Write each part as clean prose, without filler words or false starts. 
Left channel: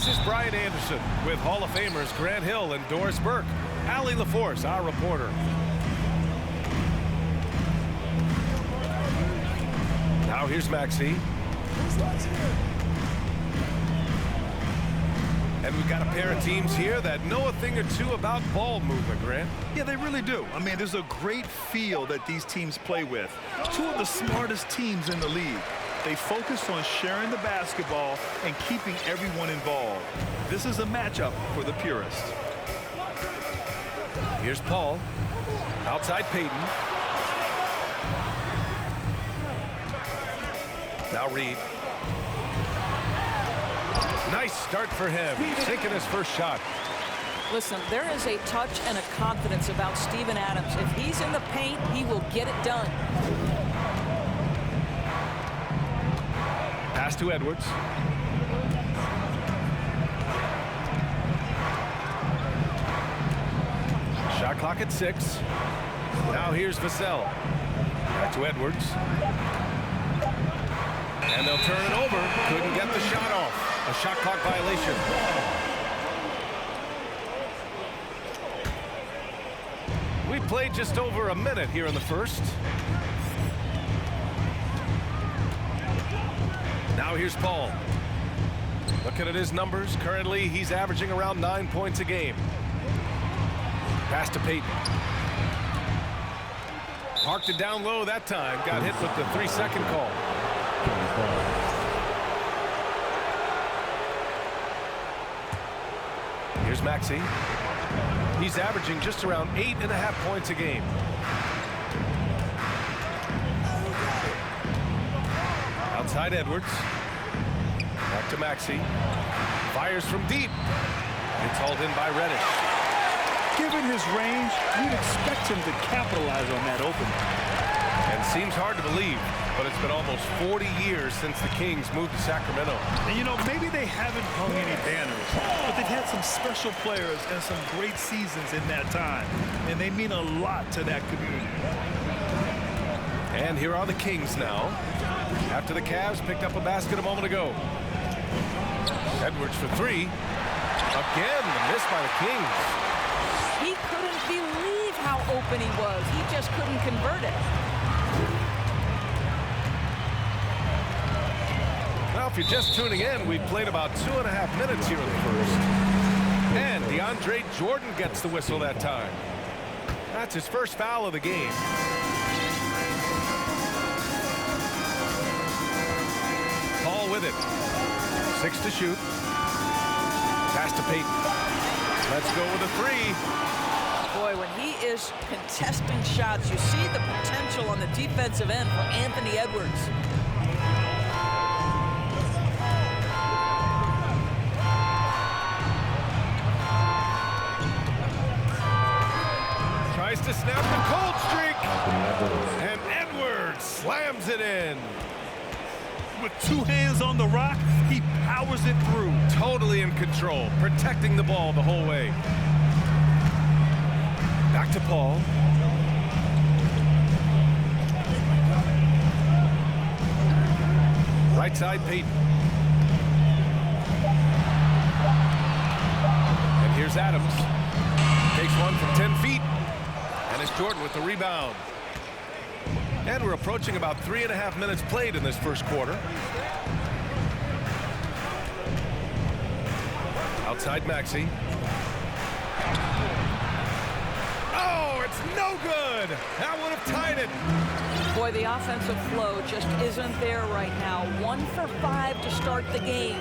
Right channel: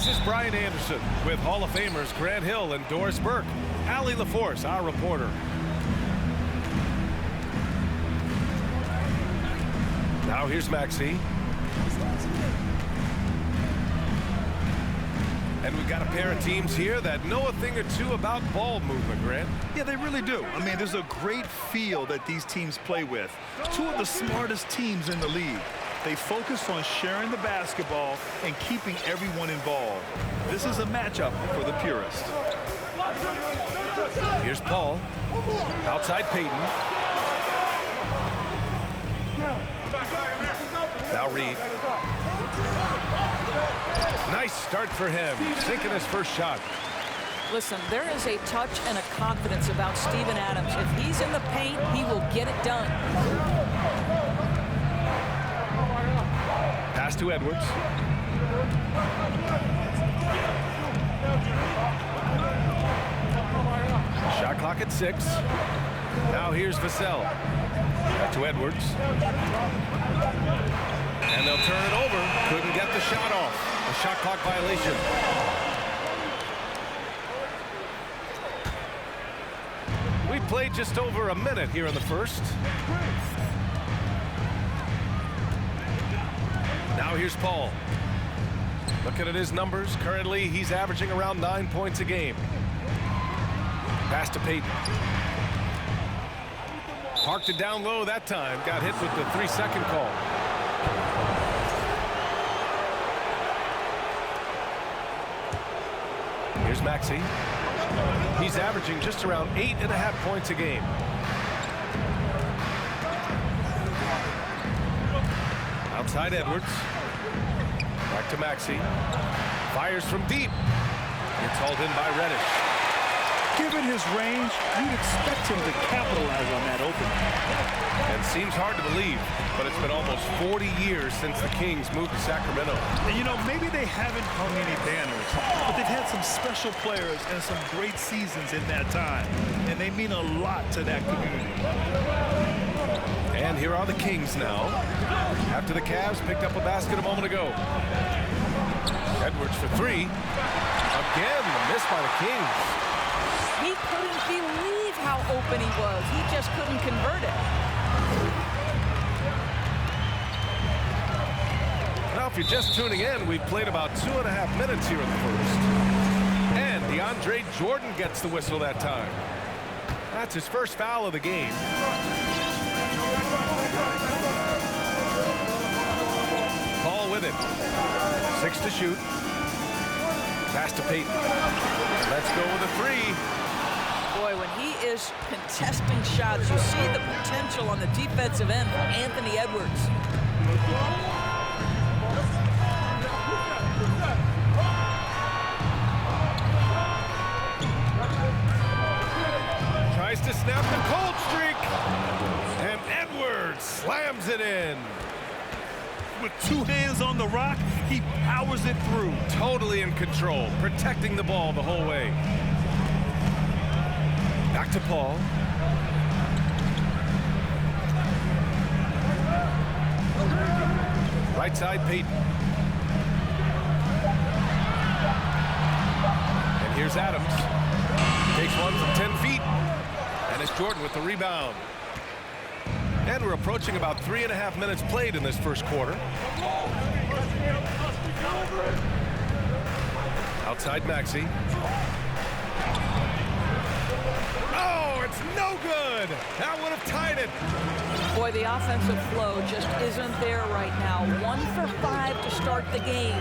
This is Brian Anderson with Hall of Famers Grant Hill and Doris Burke. Allie LaForce, our reporter. Now here's Maxey. And we've got a pair of teams here that know a thing or two about ball movement, Grant. Yeah, they really do. I mean, there's a great feel that these teams play with. Two of the smartest teams in the league. They focus on sharing the basketball and keeping everyone involved. This is a matchup for the purist. Here's Paul. Outside Peyton. Now Reed. Nice start for him, sinking his first shot. Listen, there is a touch and a confidence about Steven Adams. If he's in the paint, he will get it done. Pass to Edwards. Shot clock at 6. Now here's Vassell. Back to Edwards. And they'll turn it over. Couldn't get the shot off. A shot clock violation. We played just over a minute here in the first. Now here's Paul. Looking at his numbers, currently he's averaging around 9 points a game. Pass to Peyton. Parked it down low that time. Got hit with the 3-second call. Here's Maxey. He's averaging just around 8.5 points a game. Outside Edwards. Back to Maxey. Fires from deep. It's hauled in by Reddish. Given his range, you'd expect him to capitalize on that opening. And seems hard to believe, but it's been almost 40 years since the Kings moved to Sacramento. And you know, maybe they haven't hung any banners, but they've had some special players and some great seasons in that time. And they mean a lot to that community. And here are the Kings now, after the Cavs picked up a basket a moment ago. Edwards for 3. Again, the miss by the Kings. He couldn't believe how open he was. He just couldn't convert it. Well, if you're just tuning in, we've played about 2.5 minutes here in the first. And DeAndre Jordan gets the whistle that time. That's his first foul of the game. Paul with it. 6 to shoot. Pass to Peyton. Let's go with a 3. Boy, when he is contesting shots, you see the potential on the defensive end for Anthony Edwards. Tries to snap the cold streak. And Edwards slams it in. With 2 hands on the rock, he powers it through. Totally in control, protecting the ball the whole way. Back to Paul. Right side, Peyton. And here's Adams. Takes one from 10 feet. And it's Jordan with the rebound. And we're approaching about 3.5 minutes played in this first quarter. Outside Maxey. Oh, it's no good. That would have tied it. Boy, the offensive flow just isn't there right now. 1 for 5 to start the game.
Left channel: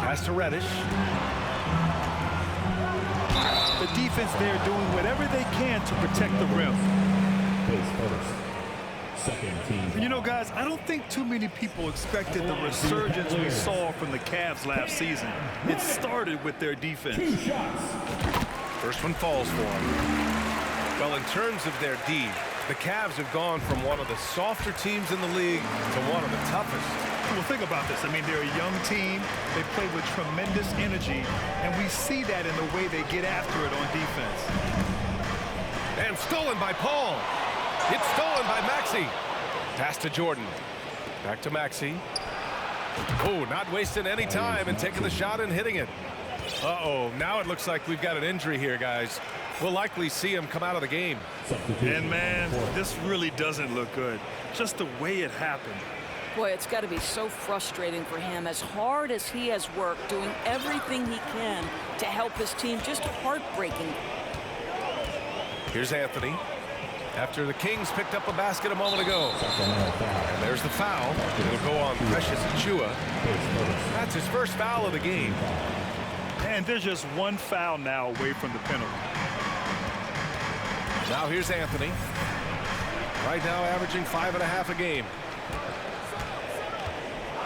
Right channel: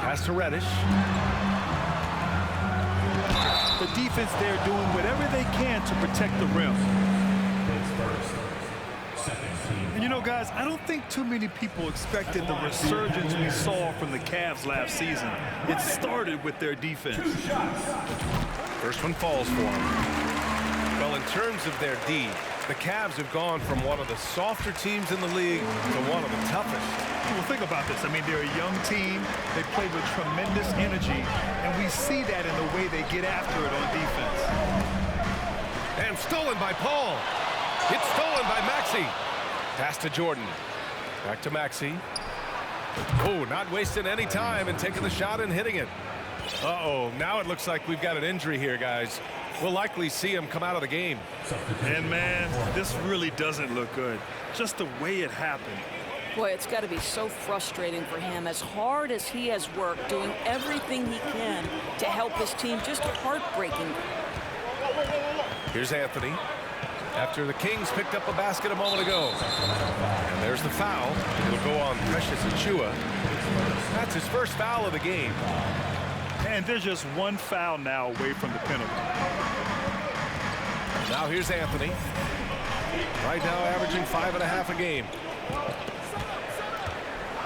Pass to Reddish. The defense there doing whatever they can to protect the rim. And you know, guys, I don't think too many people expected the resurgence we saw from the Cavs last season. It started with their defense. First one falls for them. Well, in terms of their D, the Cavs have gone from one of the softer teams in the league to one of the toughest. Well, think about this. I mean, they're a young team. They play with tremendous energy, and we see that in the way they get after it on defense. And stolen by Paul. It's stolen by Maxey. Pass to Jordan. Back to Maxey. Oh, not wasting any time and taking the shot and hitting it. Uh-oh, now it looks like we've got an injury here, guys. We'll likely see him come out of the game. And man, this really doesn't look good. Just the way it happened. Boy, it's got to be so frustrating for him. As hard as he has worked, doing everything he can to help his team, just heartbreaking. Here's Anthony. After the Kings picked up a basket a moment ago. And there's the foul. It'll go on Precious Achiuwa. That's his first foul of the game. And there's just one foul now away from the penalty. Now here's Anthony. Right now averaging 5.5 a game.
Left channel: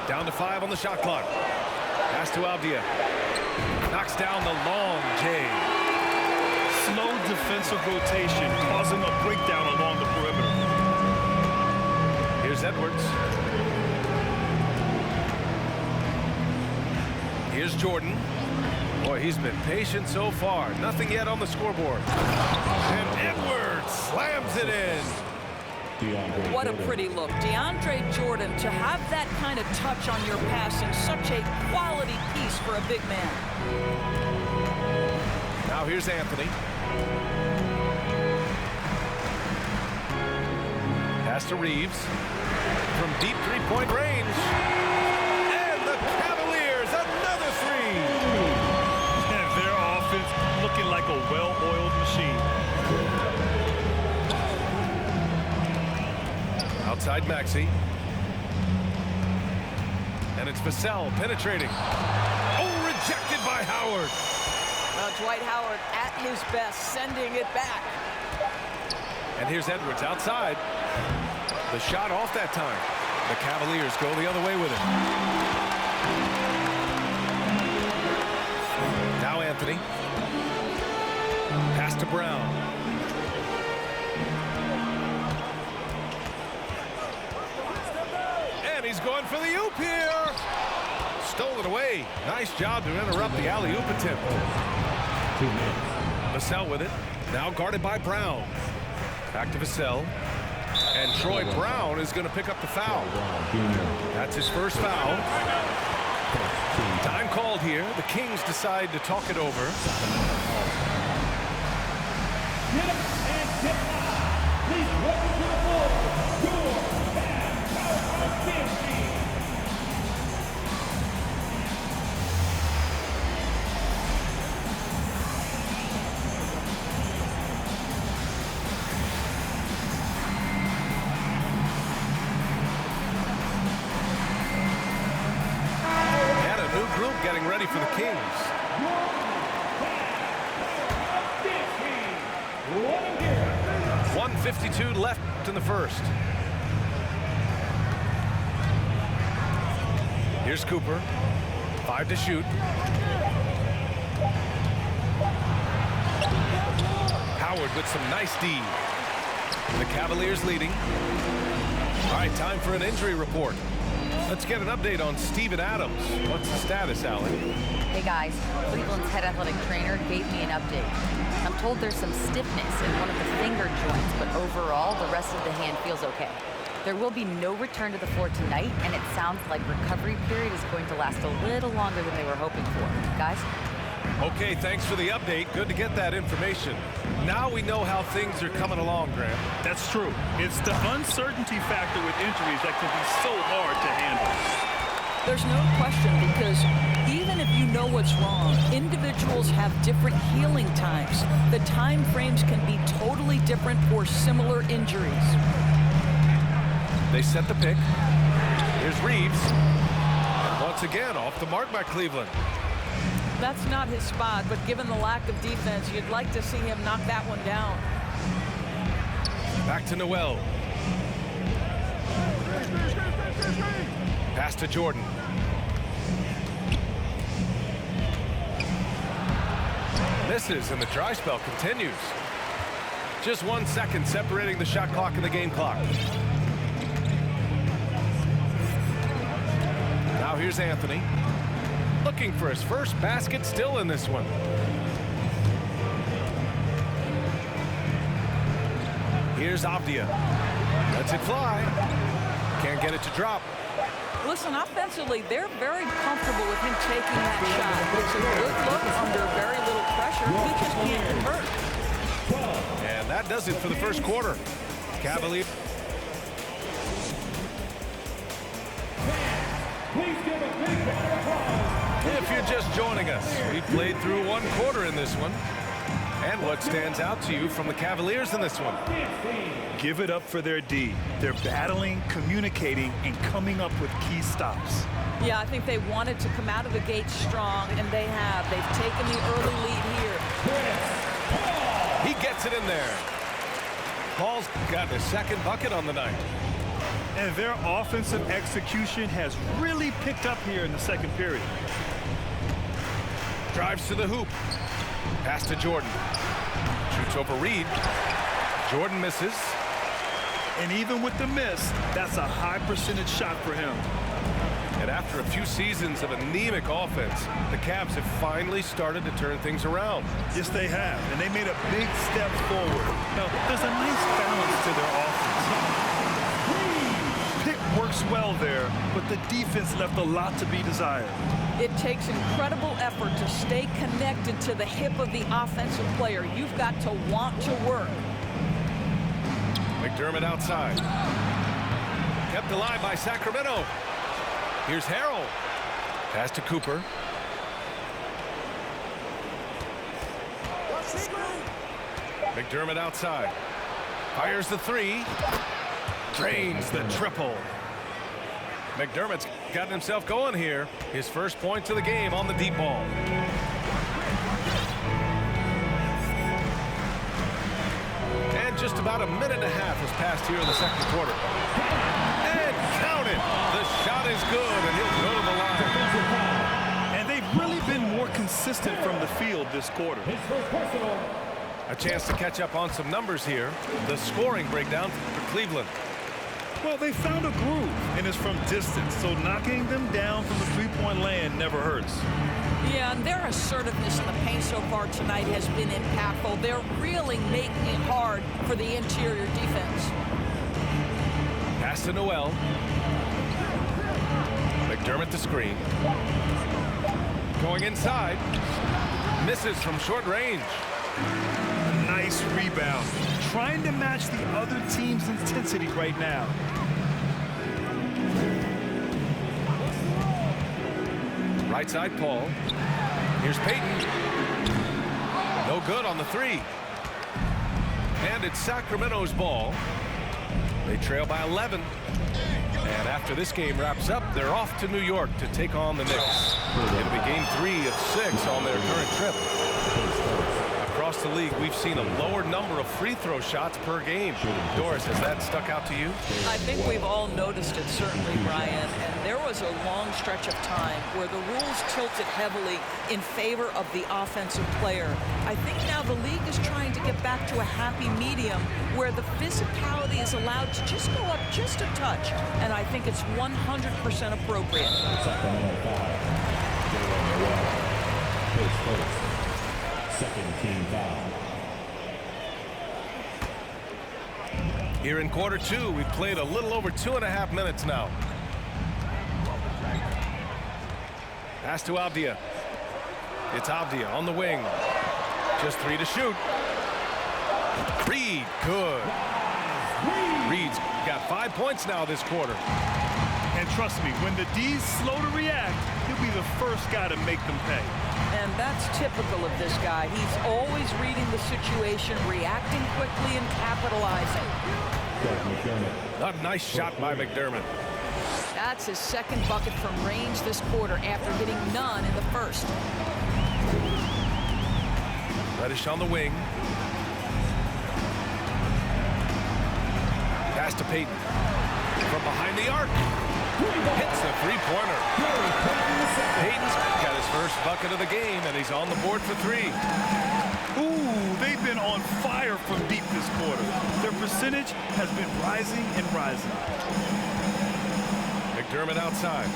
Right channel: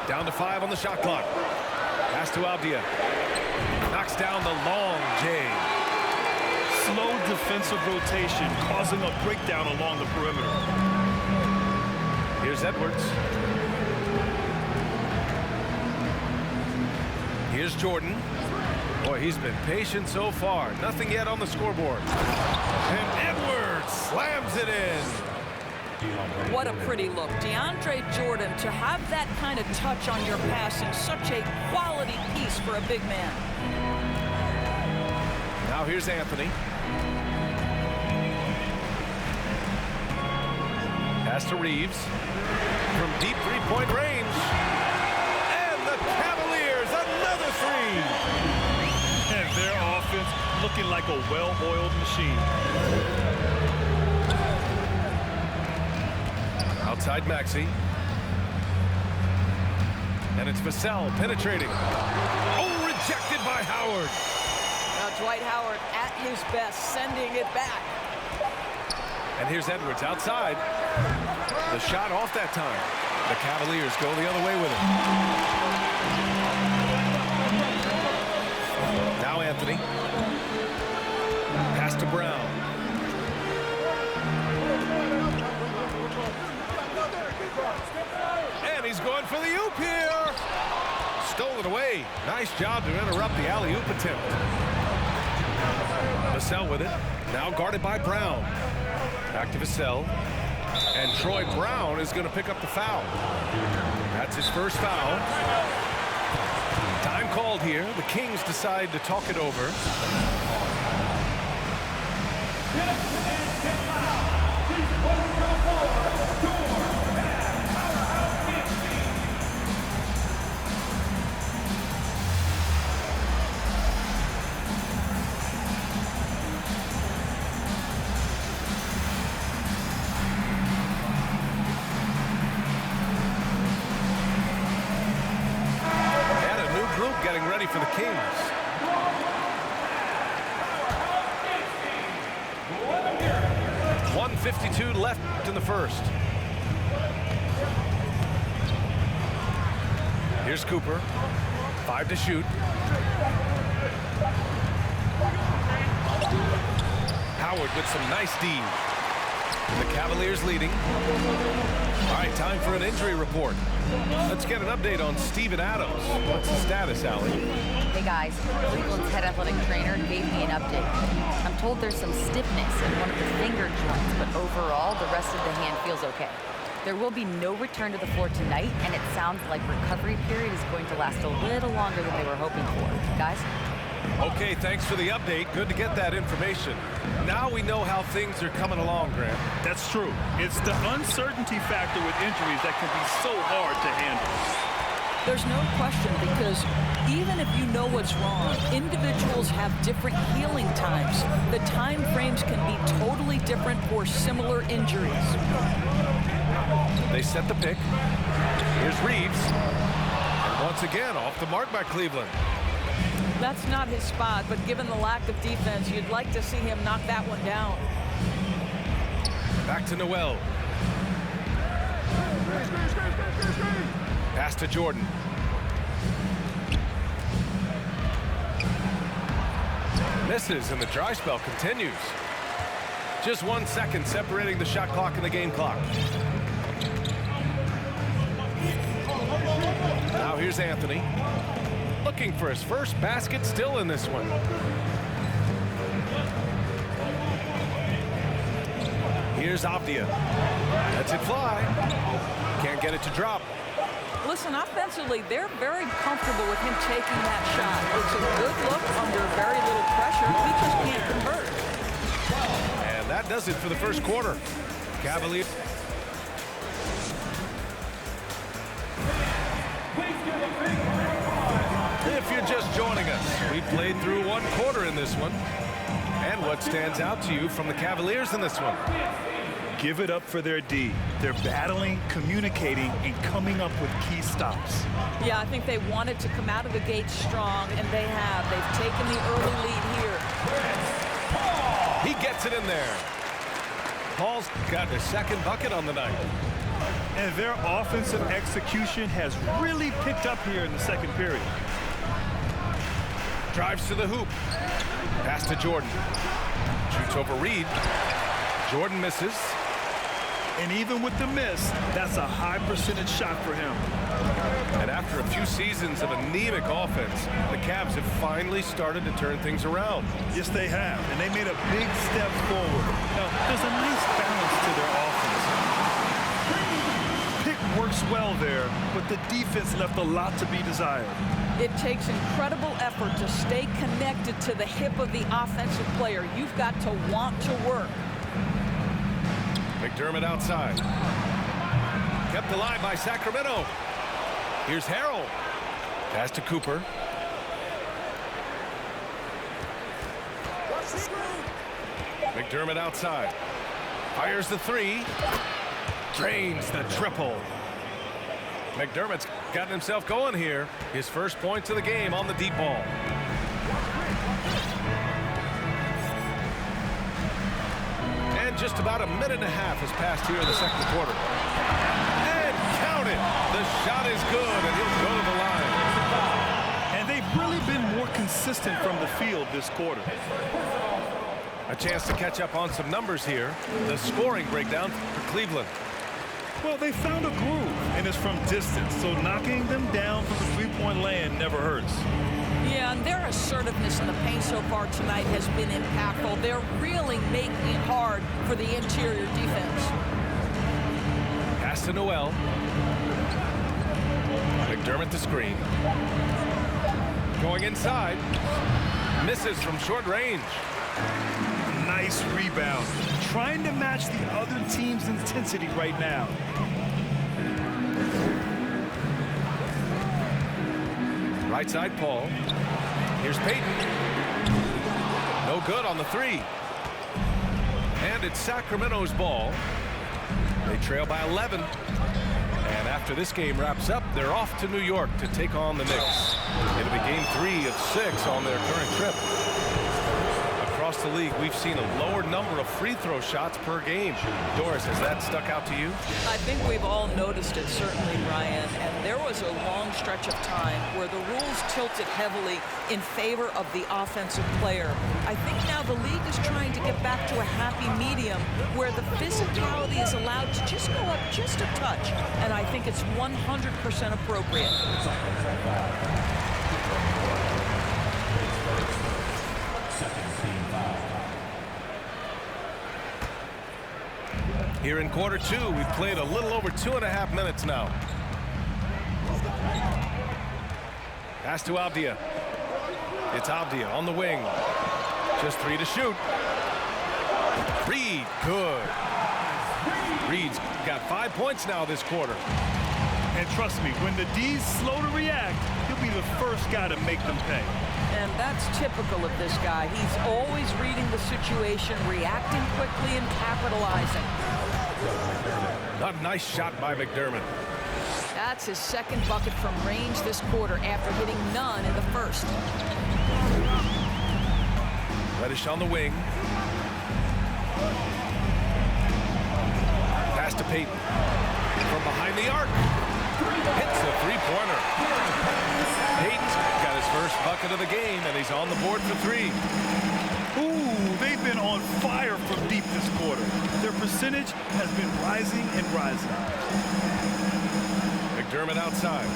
Down to 5 on the shot clock. Pass to Avdia. Knocks down the long J. Slow defensive rotation causing a breakdown along the perimeter. Here's Edwards. Here's Jordan. Boy, he's been patient so far. Nothing yet on the scoreboard. And Edwards slams it in. What a pretty look. DeAndre Jordan, to have that kind of touch on your passing, such a quality piece for a big man. Now here's Anthony. Pass to Reeves. From deep three-point range. And the Cavaliers, another three. And their offense looking like a well-oiled machine. Outside Maxey. And it's Vassell penetrating. Oh, rejected by Howard. Well, Dwight Howard at his best, sending it back. And here's Edwards outside. The shot off that time. The Cavaliers go the other way with it. Now Anthony. Pass to Brown. And he's going for the oop here. Stole it away. Nice job to interrupt the alley-oop attempt. Vassell with it. Now guarded by Brown. Back to Vassell. And Troy Brown is going to pick up the foul. That's his first foul. Time called here. The Kings decide to talk it over. Group getting ready for the Kings. 1:52 left in the first. Here's Cooper. 5 to shoot. Howard with some nice D. The Cavaliers leading. All right, time for an injury report. Let's get an update on Steven Adams. What's the status, Allie? Hey guys, Cleveland's head athletic trainer gave me an update. I'm told there's some stiffness in one of the finger joints, but overall, the rest of the hand feels okay. There will be no return to the floor tonight, and it sounds like recovery period is going to last a little longer than they were hoping for. Guys? Okay, thanks for the update. Good to get that information. Now we know how things are coming along, Graham. That's true. It's the uncertainty factor with injuries that can be so hard to handle. There's no question, because even if you know what's wrong, individuals have different healing times. The time frames can be totally different for similar injuries. They set the pick. Here's Reeves. And once again, off the mark by Cleveland. That's not his spot, but given the lack of defense, you'd like to see him knock that one down. Back to Noel. Pass to Jordan. Misses, and the dry spell continues. Just 1 second separating the shot clock and the game clock. Now here's Anthony. Looking for his first basket, still in this one. Here's Avdia. Lets it fly. Can't get it to drop. Listen, offensively, they're very comfortable with him taking that shot. It's a good look under very little pressure. He just can't convert. And that does it for the first quarter. Cavaliers. If you're just joining us, we played through one quarter in this one. And what stands out to you from the Cavaliers in this one? Give it up for their D. They're battling, communicating, and coming up with key stops. Yeah, I think they wanted to come out of the gate strong, and they have. They've taken the early lead here. He gets it in there. Paul's got his second bucket on the night. And their offensive execution has really picked up here in the second period. Drives to the hoop. Pass to Jordan. Shoots over Reed. Jordan misses. And even with the miss, that's a high percentage shot for him. And after a few seasons of anemic offense, the Cavs have finally started to turn things around. Yes, they have. And they made a big step forward. Now, there's a nice balance to their offense. Pick works well there, but the defense left a lot to be desired. It takes incredible effort to stay connected to the hip of the offensive player. You've got to want to work. McDermott outside. Kept alive by Sacramento. Here's Harrell. Pass to Cooper. McDermott outside. Fires the three. Drains the triple. McDermott's gotten himself going here. His first points of the game on the deep ball. And just about a minute and a half has passed here in the second quarter. And count it. The shot is good, and he'll go to the line. And they've really been more consistent from the field this quarter. A chance to catch up on some numbers here. The scoring breakdown for Cleveland. Well, they found a groove, and it's from distance, so knocking them down from the three-point land never hurts. Yeah, and their assertiveness in the paint so far tonight has been impactful. They're really making it hard for the interior defense. Pass to Noel. McDermott the screen. Going inside. Misses from short range. Nice rebound. Trying to match the other team's intensity right now. Right side, Paul. Here's Payton. No good on the three. And it's Sacramento's ball. They trail by 11. And after this game wraps up, they're off to New York to take on the Knicks. It'll be game 3 of 6 on their current trip. Across the league, we've seen a lower number of free throw shots per game. Doris, has that stuck out to you? I think we've all noticed it, certainly, Brian. And there was a long stretch of time where the rules tilted heavily in favor of the offensive player. I think now the league is trying to get back to a happy medium where the physicality is allowed to just go up just a touch. And I think it's 100% appropriate. Here in quarter 2, we've played a little over 2.5 minutes now. Pass to Avdia. It's Avdia on the wing. Just 3 to shoot. Reed, good. Reed's got 5 points now this quarter. And trust me, when the D's slow to react, he'll be the first guy to make them pay. And that's typical of this guy. He's always reading the situation, reacting quickly, and capitalizing. A nice shot by McDermott. That's his second bucket from range this quarter after hitting none in the first. Reddish on the wing. Pass to Payton. From behind the arc. Hits a three-pointer. Payton's got his first bucket of the game, and he's on the board for 3. Ooh, they've been on fire from deep this quarter. Their percentage has been rising and rising. McDermott outside.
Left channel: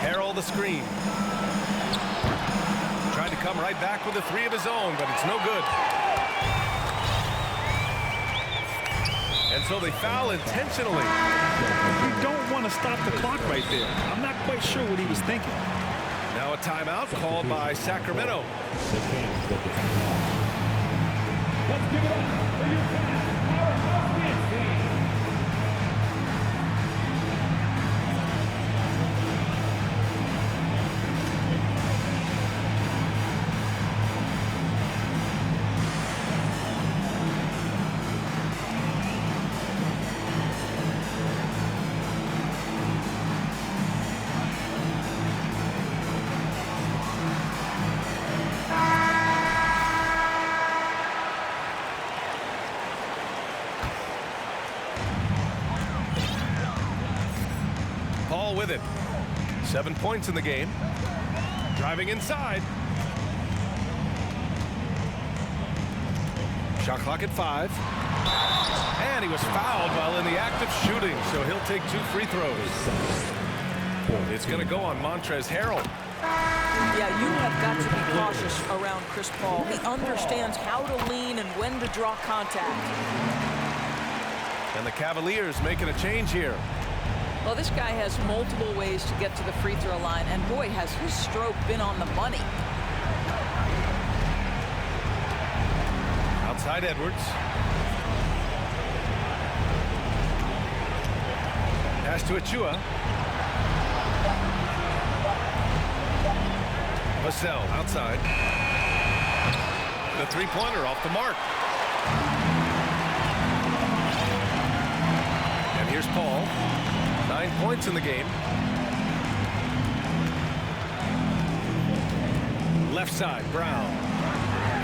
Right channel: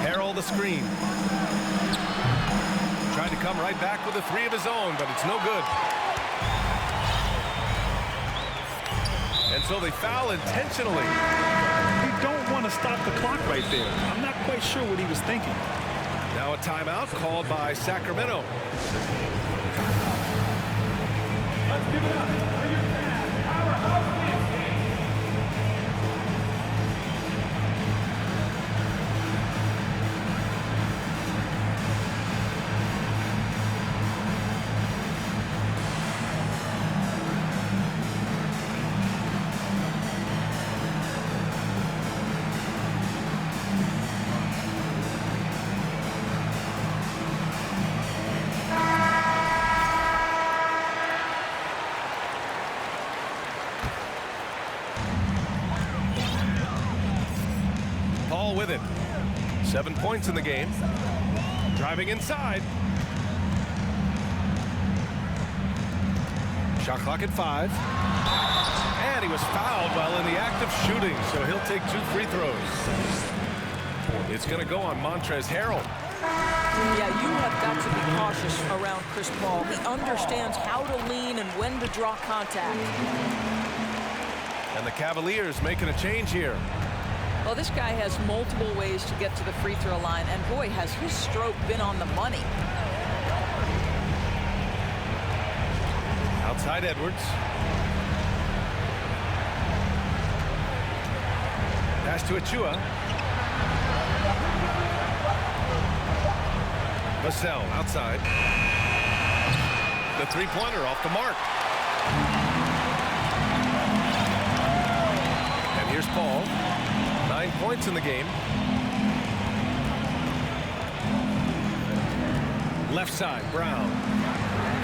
Harrell the screen. Trying to come right back with a 3 of his own, but it's no good. And so they foul intentionally. You don't want to stop the clock right there. I'm not quite sure what he was thinking. Now a timeout called by Sacramento. Let's give it up for your powerhouse dance team. Paul with it. 7 points in the game. Driving inside. Shot clock at 5. And he was fouled while in the act of shooting, so he'll take 2 free throws. It's going to go on Montrezl Harrell. Yeah, you have got to be cautious around Chris Paul. He understands how to lean and when to draw contact. And the Cavaliers making a change here. Well, this guy has multiple ways to get to the free throw line, and boy, has his stroke been on the money. Outside Edwards. Pass to Achua. Vassell outside. The three-pointer off the mark. And here's Paul. 9 points in the game. Left side, Brown.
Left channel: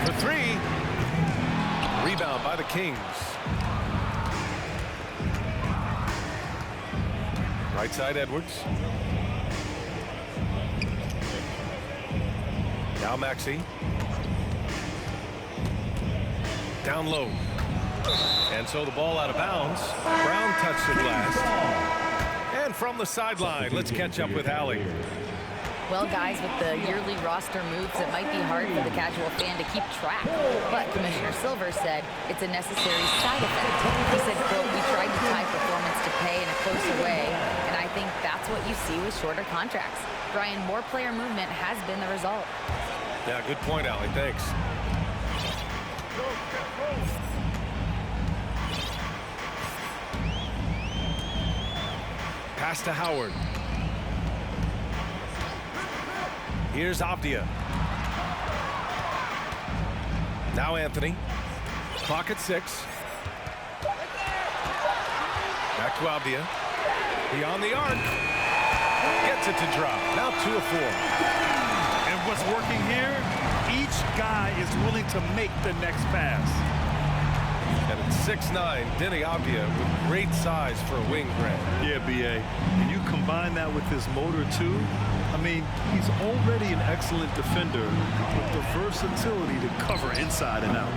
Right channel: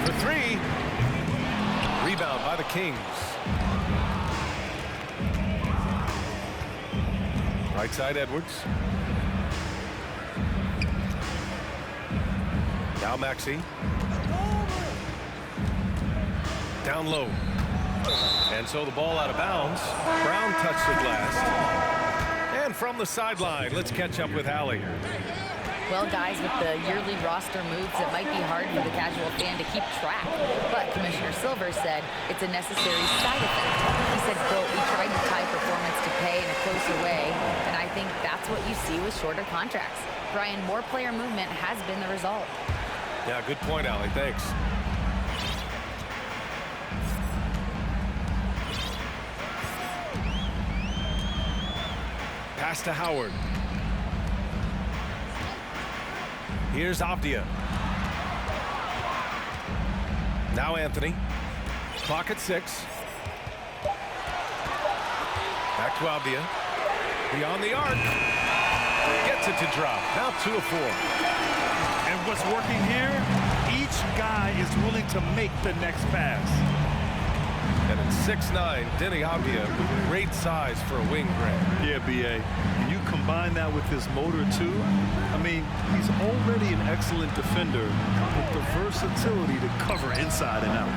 For 3. Rebound by the Kings. Right side, Edwards. Now Maxey. Down low. And so the ball out of bounds. Brown touched it last. And from the sideline, let's catch up with Allie. Well, guys, with the yearly roster moves, it might be hard for the casual fan to keep track. But Commissioner Silver said it's a necessary side effect. He said, quote, "We tried to tie performance to pay in a closer way, and I think that's what you see with shorter contracts." Brian, more player movement has been the result. Yeah, good point, Allie. Thanks. Pass to Howard. Here's Avdia. Now Anthony. Clock at 6. Back to Avdia. Beyond the arc. Gets it to drop. Now 2 of 4. And what's working here? Each guy is willing to make the next pass. And it's 6'9", Denny Avdia with great size for a wing, Grant. Yeah, B.A. And you combine that with his motor, too. I mean, he's already an excellent defender with the versatility to cover inside and out.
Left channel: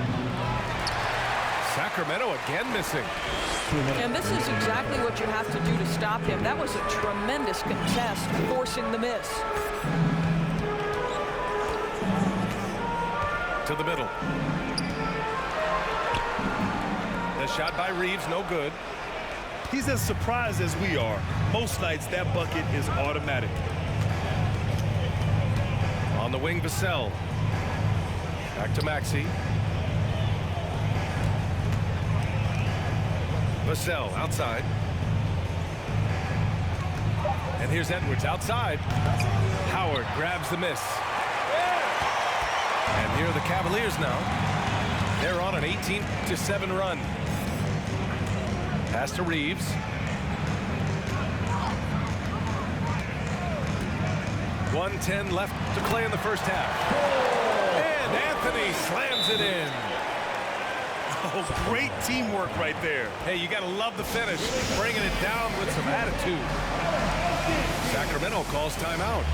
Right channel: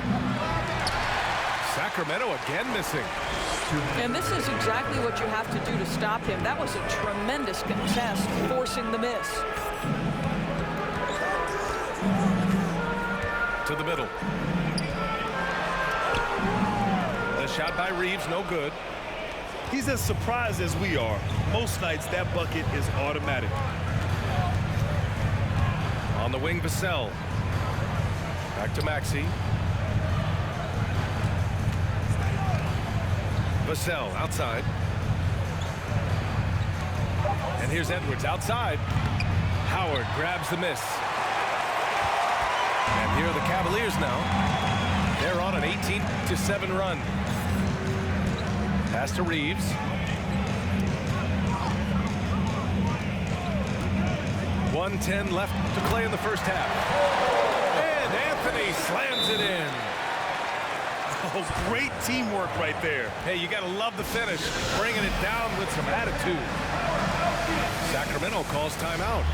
Sacramento again missing. And this is exactly what you have to do to stop him. That was a tremendous contest, forcing the miss. To the middle. The shot by Reeves, no good. He's as surprised as we are. Most nights, that bucket is automatic. On the wing, Vassell. Back to Maxey. Vassell outside. And here's Edwards outside. Howard grabs the miss. And here are the Cavaliers now. They're on an 18-7 run. Pass to Reeves. .110 left to play in the first half. And Anthony slams it in. Oh, great teamwork right there. Hey, you got to love the finish. Bringing it down with some attitude. Sacramento calls timeout.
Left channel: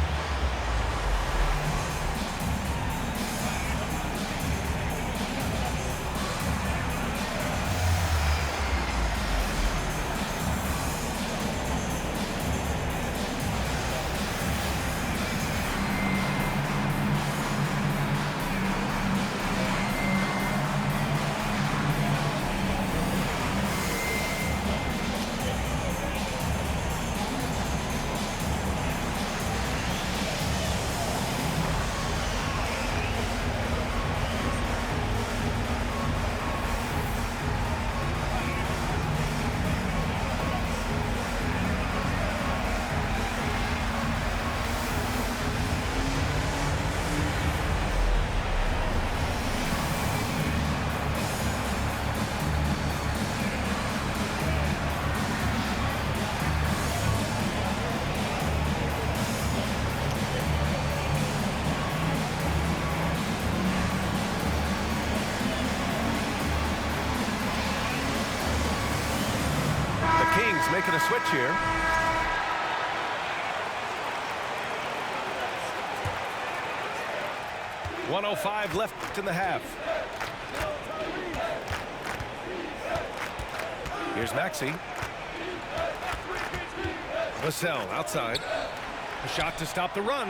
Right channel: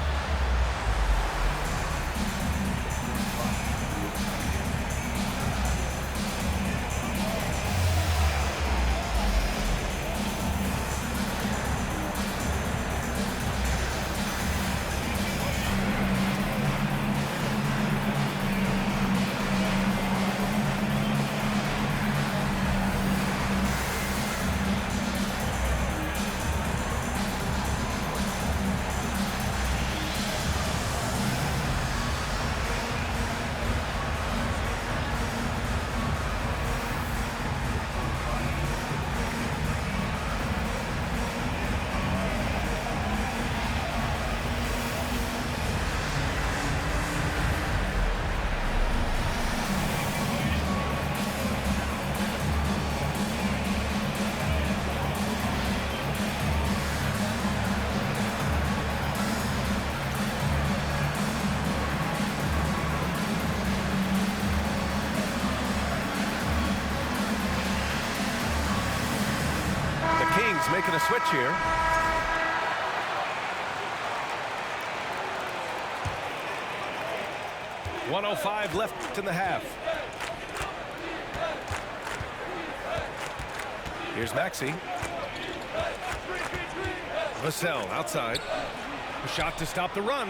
Kings making a switch here. .105 left in the half. Here's Maxey. Vassell outside. A shot to stop the run.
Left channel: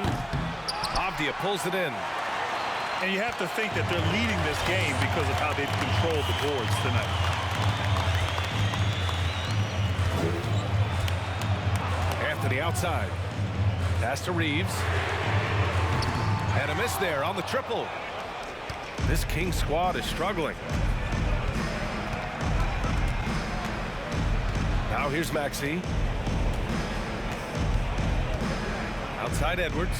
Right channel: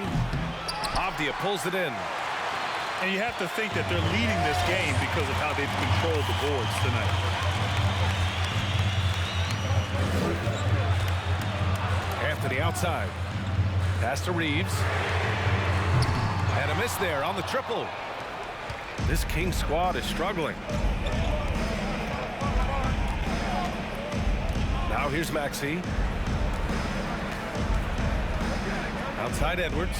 Avdia pulls it in. And you have to think that they're leading this game because of how they've controlled the boards tonight. Anthony outside. Pass to Reeves. And a miss there on the triple. This Kings squad is struggling. Now here's Maxey. Outside Edwards.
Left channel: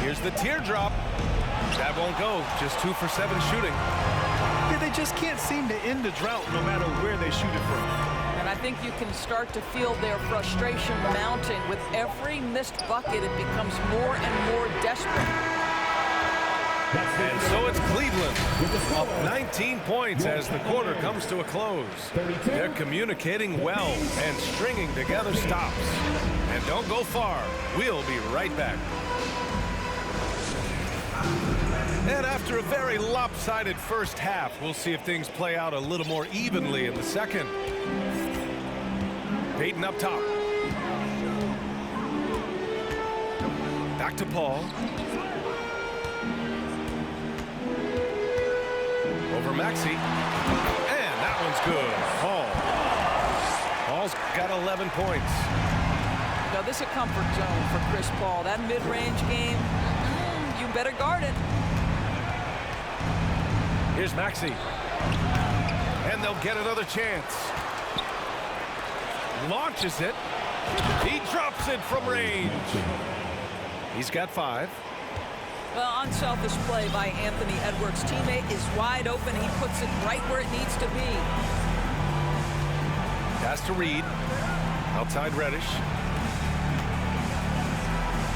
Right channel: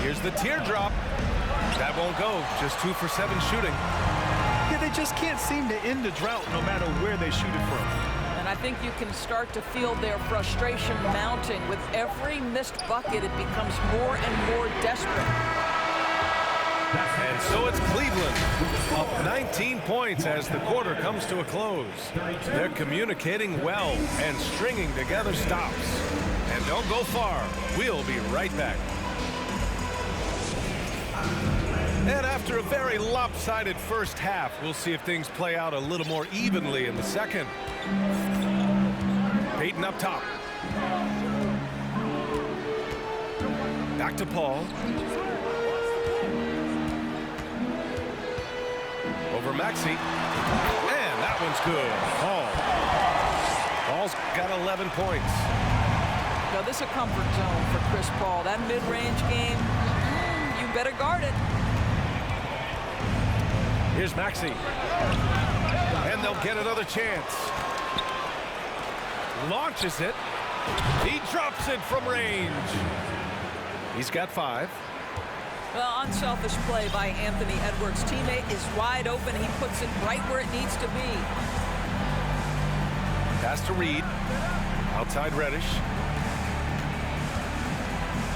Here's the teardrop. That won't go. Just 2 for 7 shooting. Yeah, they just can't seem to end the drought no matter where they shoot it from. And I think you can start to feel their frustration mounting. With every missed bucket, it becomes more and more desperate. And so it's Cleveland up 19 points as the quarter comes to a close. They're communicating well and stringing together stops. And don't go far. We'll be right back. And after a very lopsided first half, we'll see if things play out a little more evenly in the second. Payton up top. Back to Paul. Over Maxey. And that one's good. Paul's got 11 points. Now, this is a comfort zone for Chris Paul. That mid-range game, you better guard it. Here's Maxey. And they'll get another chance. Launches it. He drops it from range. He's got 5. Well, unselfish play by Anthony Edwards. Teammate is wide open. He puts it right where it needs to be. Pass to Reed. Outside Reddish.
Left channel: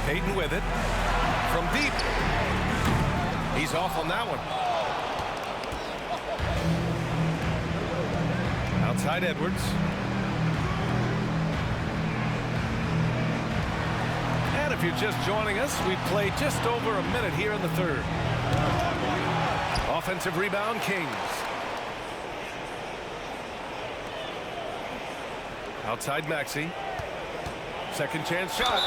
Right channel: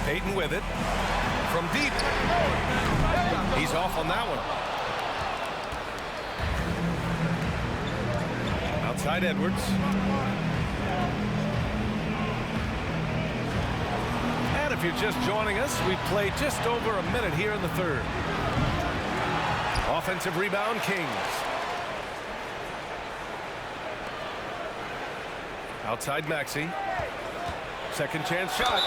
Payton with it. From deep. He's off on that one. Outside Edwards. And if you're just joining us, we played just over a minute here in the third. Offensive rebound, Kings. Outside Maxey. Second chance shot.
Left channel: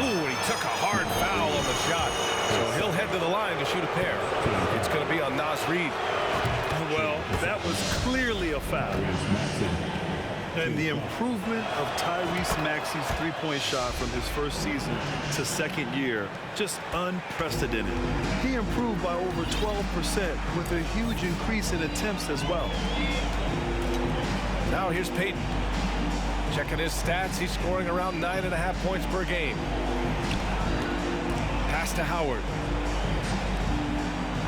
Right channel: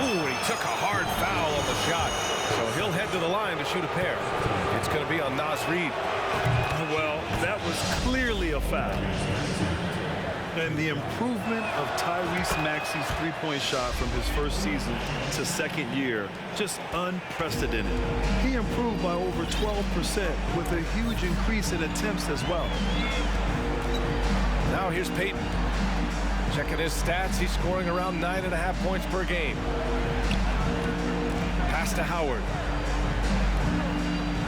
Ooh, he took a hard foul on the shot. So he'll head to the line to shoot a pair. It's going to be on Naz Reid. Well, that was clearly a foul. And the improvement of Tyrese Maxey's three-point shot from his first season to second year, just unprecedented. He improved by over 12% with a huge increase in attempts as well. Now here's Payton. Checking his stats, he's scoring around 9.5 points per game. Pass to Howard.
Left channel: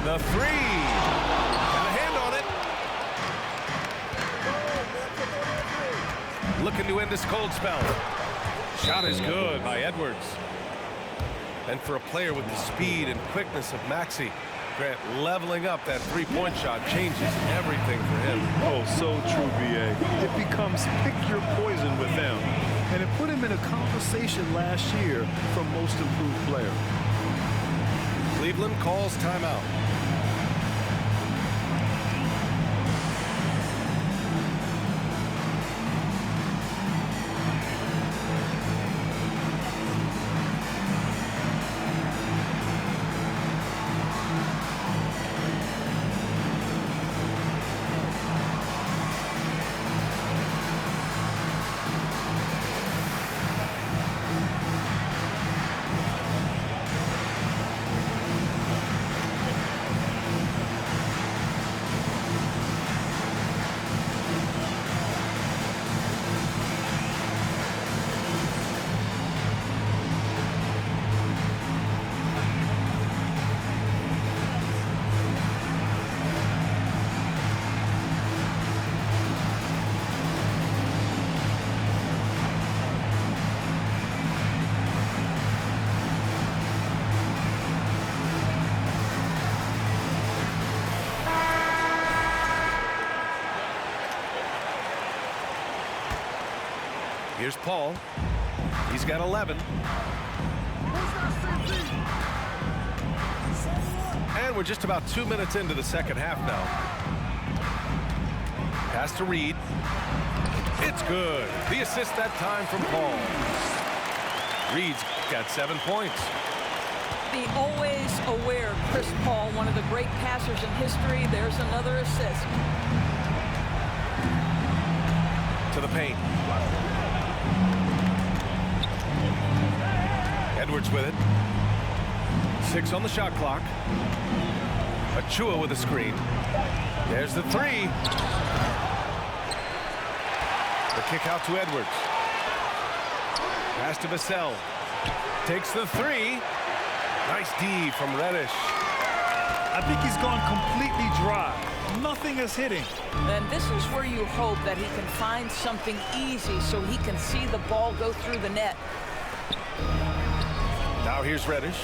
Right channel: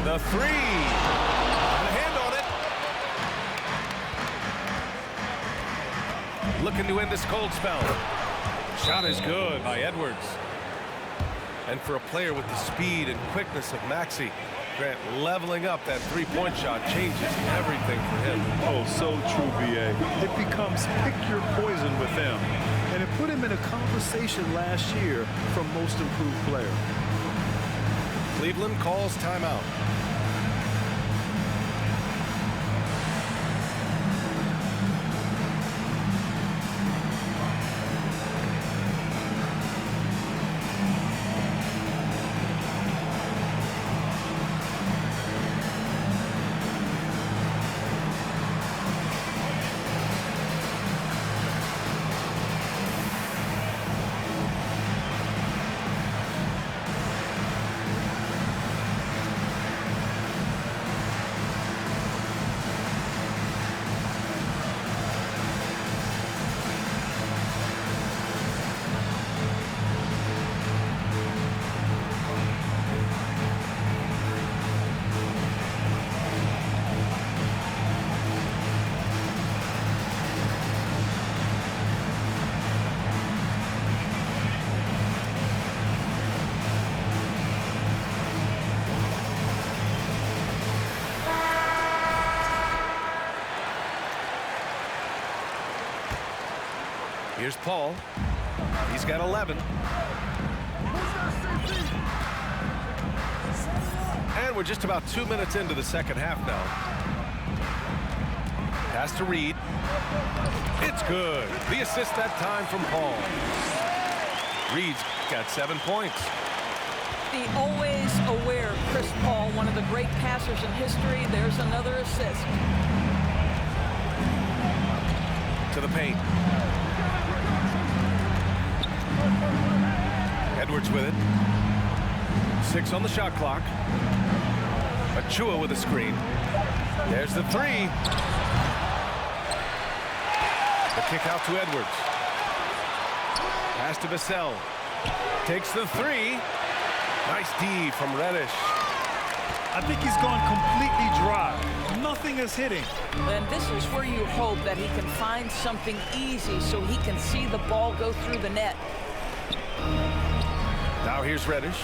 The three. Got a hand on it. Looking to end this cold spell. Shot is good by Edwards. And for a player with the speed and quickness of Maxey, Grant, leveling up that three-point shot changes everything for him. Oh, so true, B.A. It becomes pick your poison with them. And it put him in a conversation last year for most improved player. Cleveland calls timeout. Here's Paul. He's got 11. And we're just about 2 minutes into the second half now. Pass to Reed. It's good. The assist that time from Paul. Reed's got 7 points. The always aware Chris Paul, one of the great passers in history. There's another assist. To the paint. Edwards with it. 6 on the shot clock. Achua with a screen. There's the three. The kick out to Edwards. Pass to Vassell. Takes the three. Nice D from Reddish. I think he's gone completely dry. Nothing is hitting. And this is where you hope that he can find something easy so he can see the ball go through the net. Now here's Reddish.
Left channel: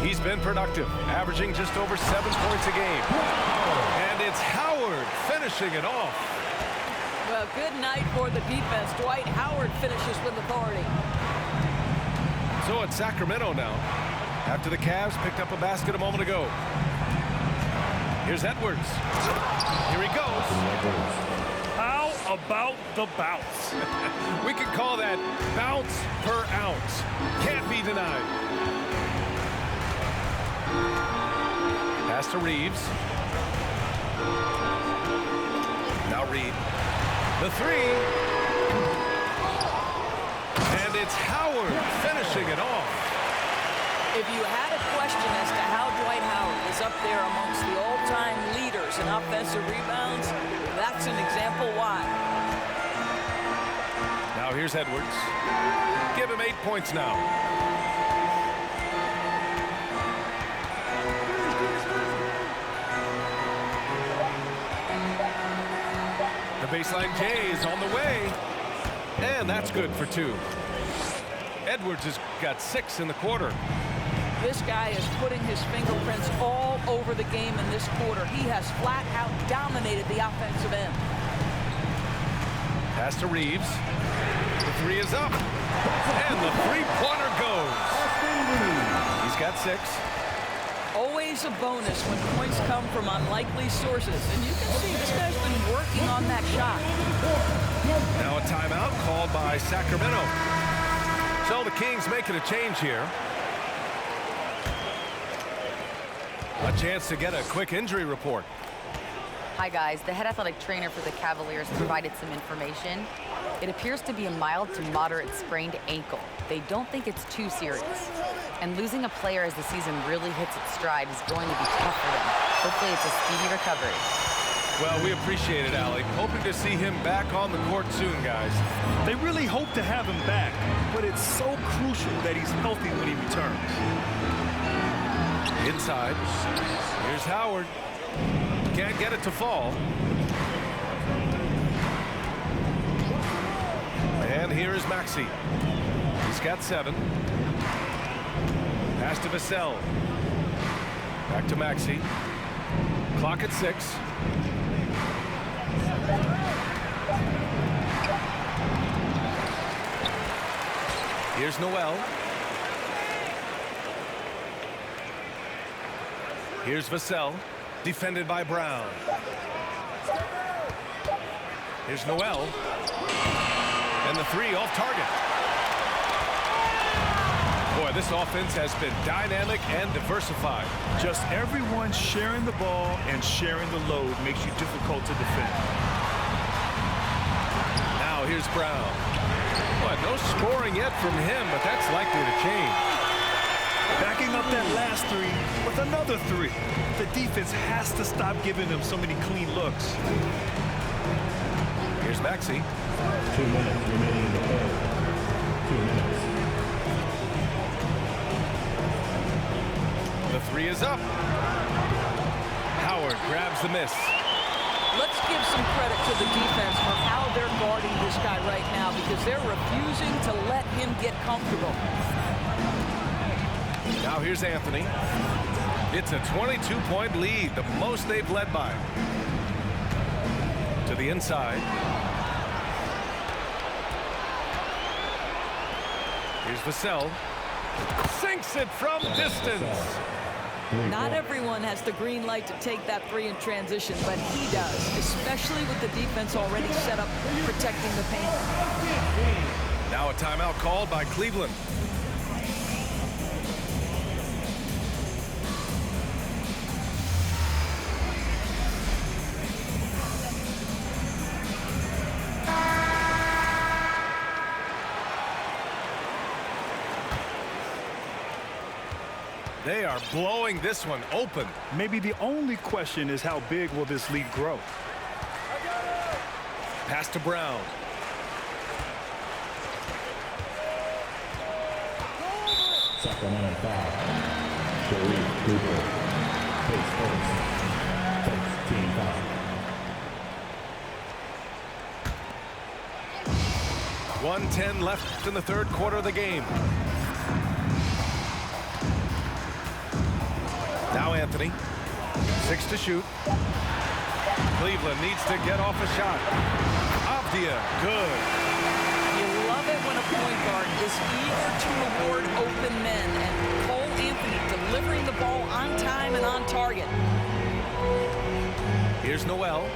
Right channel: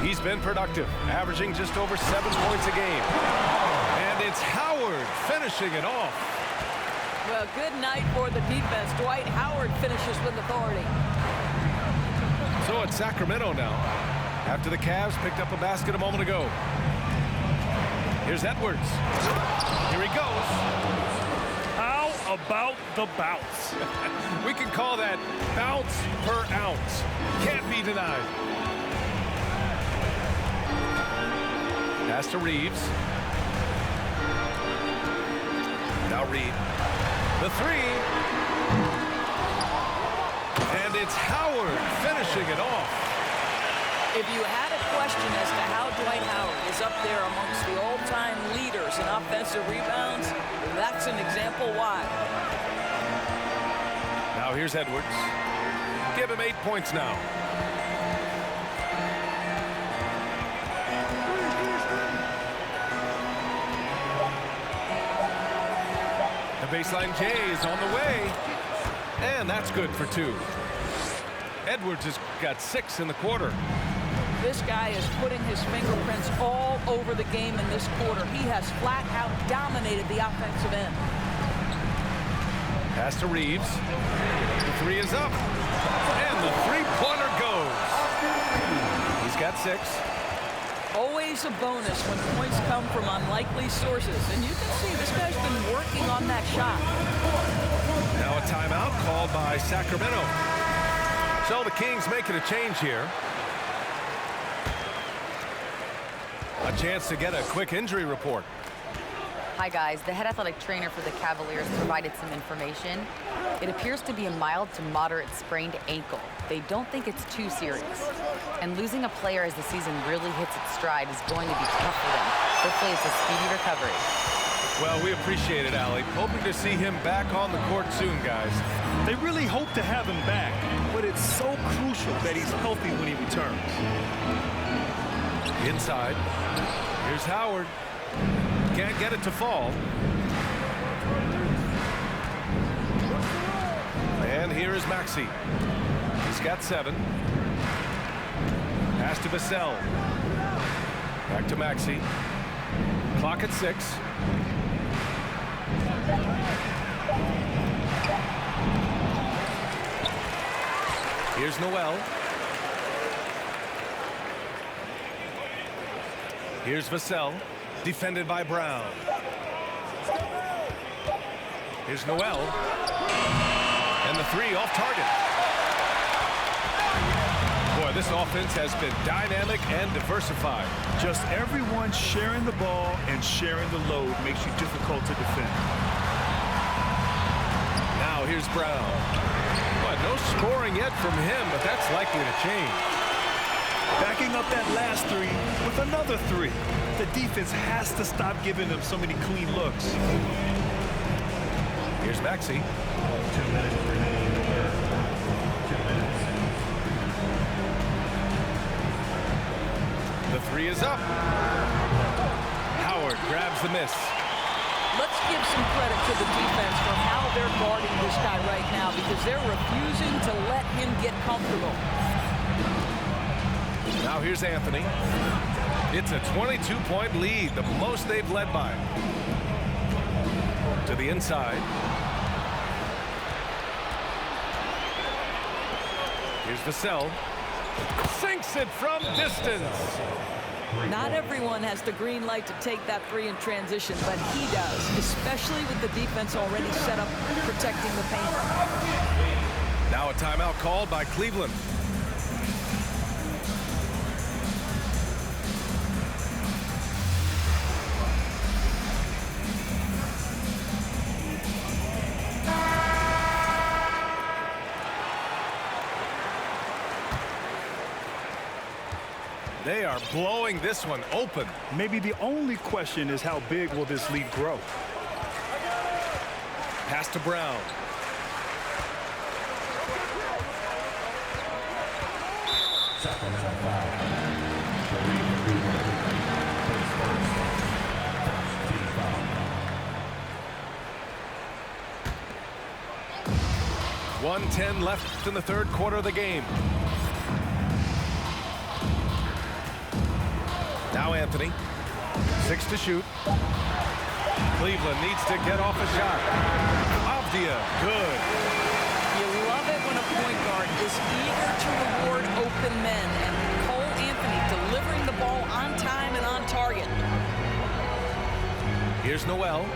He's been productive, averaging just over 7 points a game. And it's Howard finishing it off. Well, good night for the defense. Dwight Howard finishes with authority. So it's Sacramento now, after the Cavs picked up a basket a moment ago. Here's Edwards. Here he goes. How about the bounce? We can call that bounce per ounce. Can't be denied. Pass to Reeves. Now Reed. The three. And it's Howard finishing it off. If you had a question as to how Dwight Howard is up there amongst the all-time leaders in offensive rebounds, that's an example why. Now here's Edwards. Give him 8 points now. The baseline J is on the way. And that's good for 2. Edwards has got 6 in the quarter. This guy is putting his fingerprints all over the game in this quarter. He has flat out dominated the offensive end. Pass to Reeves. The three is up. And the three-pointer goes. He's got 6. Always a bonus when points come from unlikely sources. And you can see this guy's been working on that shot. Now a timeout called by Sacramento. So the Kings making a change here. A chance to get a quick injury report. Hi guys, the head athletic trainer for the Cavaliers provided some information. It appears to be a mild to moderate sprained ankle. They don't think it's too serious. And losing a player as the season really hits its stride is going to be tough for them. Hopefully it's a speedy recovery. Well, we appreciate it, Allie. Hoping to see him back on the court soon, guys. They really hope to have him back, but it's so crucial that he's healthy when he returns. Inside. Here's Howard. Can't get it to fall. And here is Maxey. He's got 7. Pass to Vassell. Back to Maxey. Clock at 6. Here's Noel. Here's Vassell, defended by Brown. Here's Noel. And the three off target. Boy, this offense has been dynamic and diversified. Just everyone sharing the ball and sharing the load makes you difficult to defend. Now here's Brown. Well, no scoring yet from him, but that's likely to change. Backing up that last three with another three. The defense has to stop giving them so many clean looks. Here's Maxey. 2 minutes remaining in the third. 2 minutes. The three is up. Howard grabs the miss. Let's give some credit to the defense for how they're guarding this guy right now, because they're refusing to let him get comfortable. Now here's Anthony. It's a 22-point lead, the most they've led by. To the inside. Here's Vassell. Sinks it from distance. Not everyone has the green light to take that three in transition, but he does, especially with the defense already set up protecting the paint. Now a timeout called by Cleveland. They are blowing this one open. Maybe the only question is how big will this lead grow? Pass to Brown. Sacramento foul. Sharif Cooper. His first team foul. 1:10 left in the third quarter of the game. Now Anthony. 6 to shoot. Cleveland needs to get off a shot. Avdia, good. You love it when a point guard is eager to reward open men, and Cole Anthony delivering the ball on time and on target. Here's Noel,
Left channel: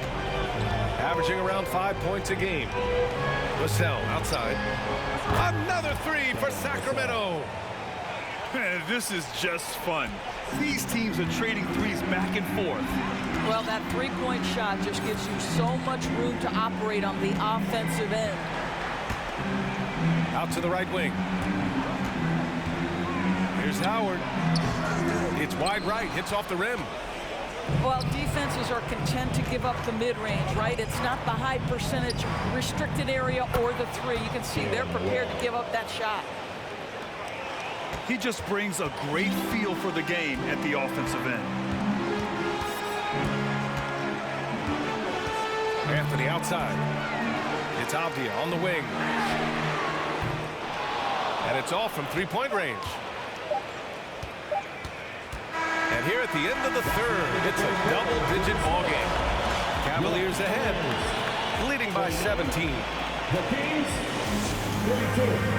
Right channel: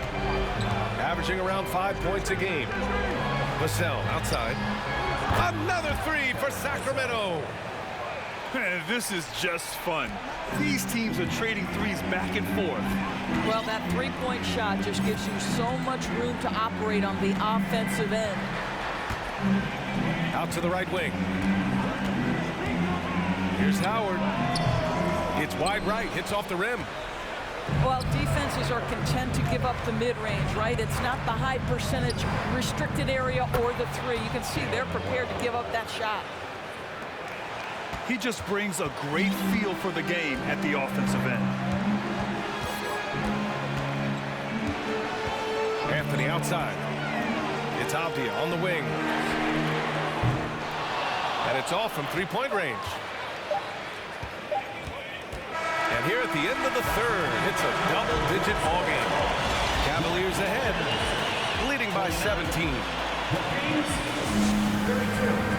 averaging around 5 points a game. Vassell outside. Another three for Sacramento. This is just fun. These teams are trading threes back and forth. Well, that three-point shot just gives you so much room to operate on the offensive end. Out to the right wing. Here's Howard. It's wide right, hits off the rim. Well, defenses are content to give up the mid-range, right? It's not the high percentage restricted area or the three. You can see they're prepared to give up that shot. He just brings a great feel for the game at the offensive end. Anthony outside. It's Avdia on the wing. And it's off from three-point range. And here at the end of the third, it's a double-digit ball game. Cavaliers ahead, leading by 17. The Kings, 32.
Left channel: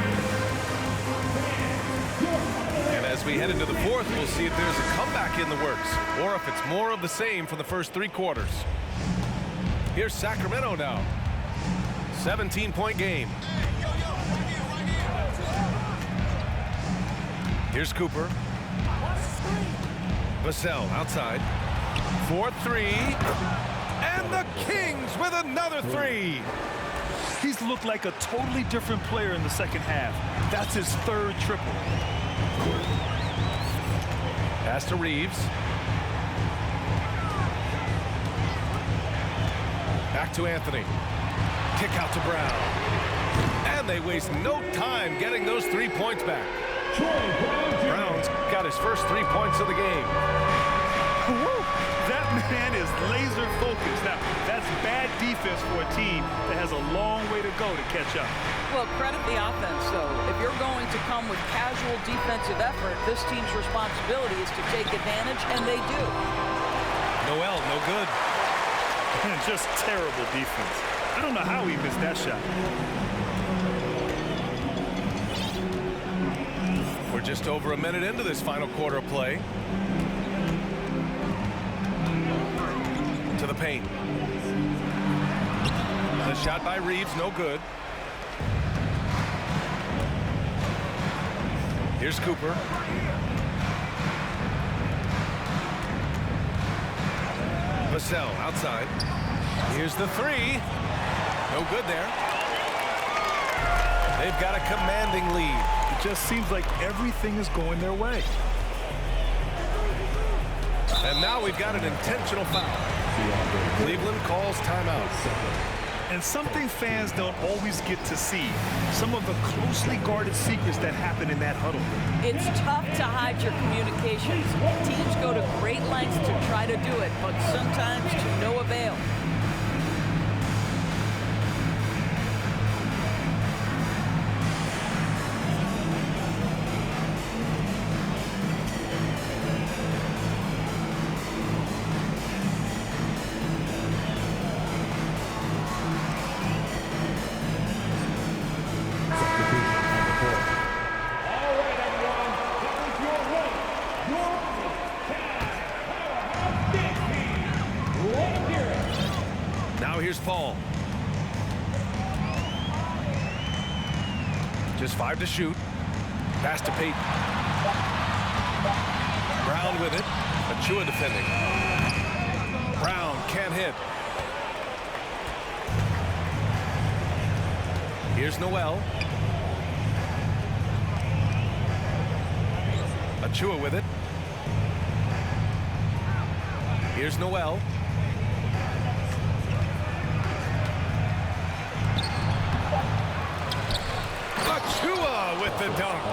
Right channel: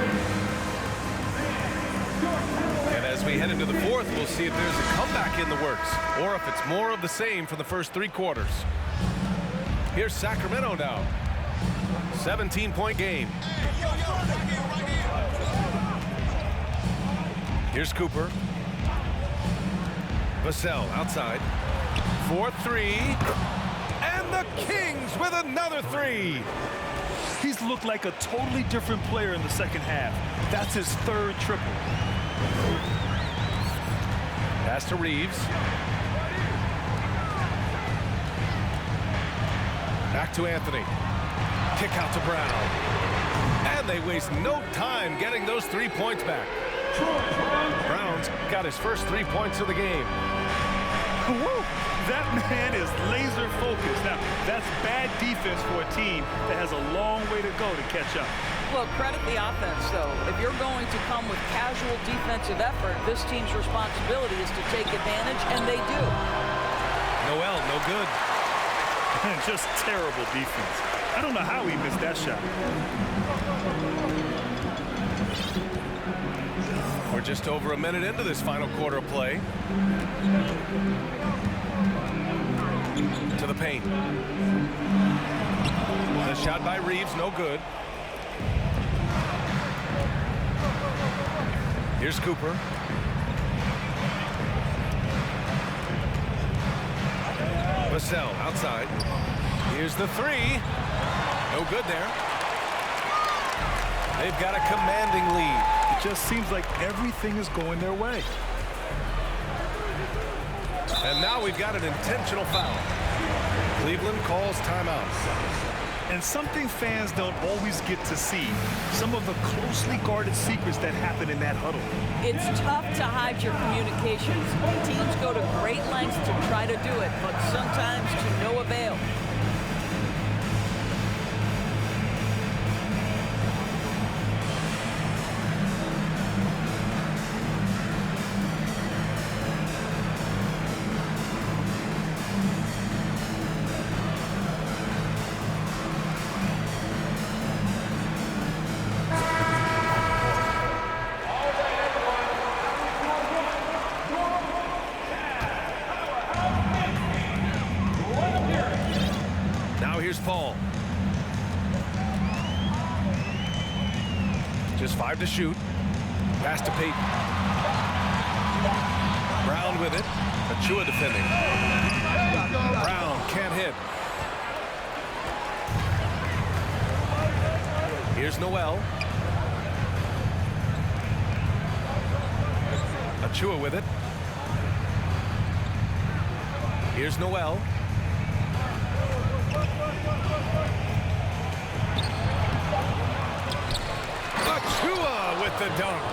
And as we head into the fourth, we'll see if there's a comeback in the works or if it's more of the same for the first three quarters. Here's Sacramento now. 17-point game. Here's Cooper. Vassell outside. 4-3. And the Kings with another three. He's looked like a totally different player in the second half. That's his third triple. Pass to Reeves. Back to Anthony. Kick out to Brown. And they waste no time getting those 3 points back. Brown's got his first 3 points of the game. Woo! That man is laser focused. Now, that's bad defense for a team that has a long way to go to catch up. Well, credit the offense, though. If you're going to come with casual defensive effort, this team's responsibility is to take advantage, and they do. Noel, no good. And just terrible defense. I don't know how he missed that shot. We're just over a minute into this final quarter of play. To the paint. The shot by Reeves, no good. Here's Cooper. Vassell outside. Here's the three. No good there. They've got a commanding lead. It just seems like everything is going their way. And now we've got an intentional foul. Cleveland calls timeout. And something fans don't always get to see, some of the closely guarded secrets that happen in that huddle. It's tough to hide your communications. Teams go to great lengths to try to do it, but sometimes to no avail. Here's Paul. Just 5 to shoot. Pass to Peyton. Brown with it. Achua defending. Brown can't hit. Here's Noel. Achua with it. Here's Noel. Achua with the dunk.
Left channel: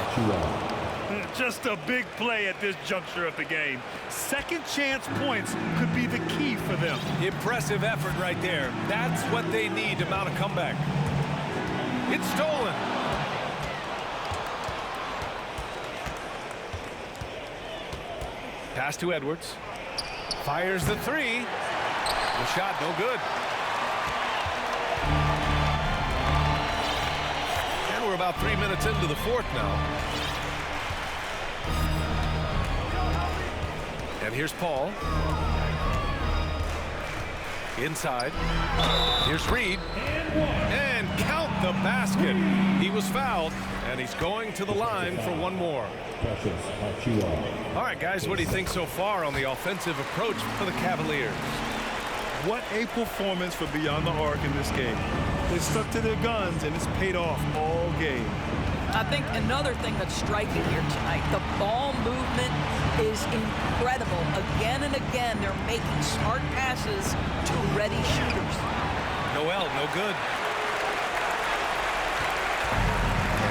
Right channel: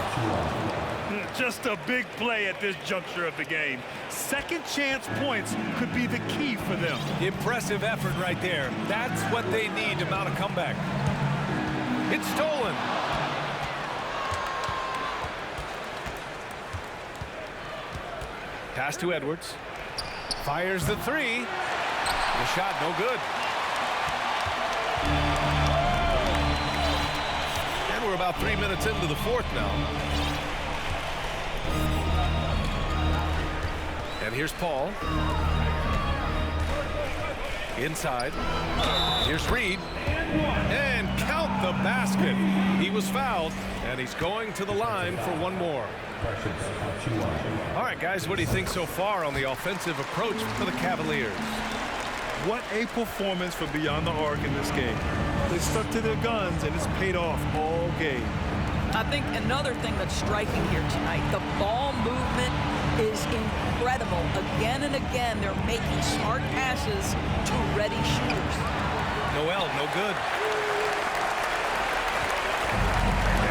Just a big play at this juncture of the game. Second chance points could be the key for them. Impressive effort right there. That's what they need to mount a comeback. It's stolen. Pass to Edwards. Fires the three. The shot no good. And we're about 3 minutes into the fourth now. And here's Paul. Inside. Here's Reed. And count the basket. He was fouled, and he's going to the line for one more. All right, guys, what do you think so far on the offensive approach for the Cavaliers? What a performance for beyond the arc in this game. They stuck to their guns, and it's paid off all game. I think another thing that's striking here tonight, the ball movement is incredible. Again and again, they're making smart passes to ready shooters. Noel, no good.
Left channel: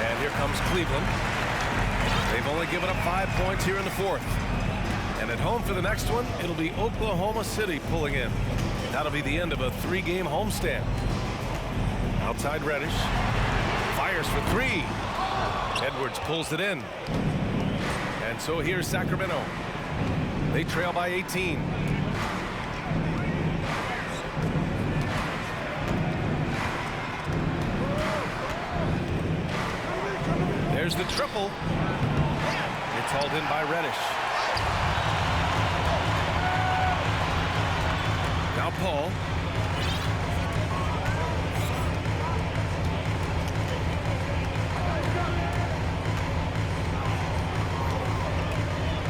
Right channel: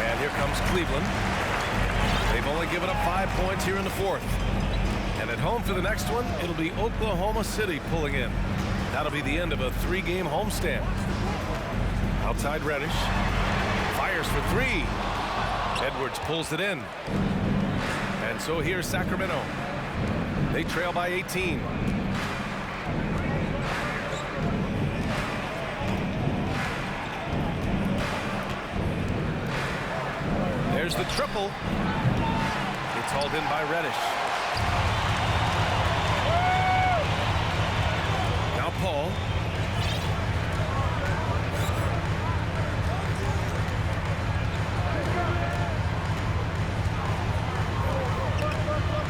And here comes Cleveland. They've only given up 5 points here in the fourth. And at home for the next one, it'll be Oklahoma City pulling in. That'll be the end of a 3-game homestand. Outside Reddish. Fires for three. Edwards pulls it in. And so here's Sacramento. They trail by 18. There's the triple. It's hauled in by Reddish. Now Paul.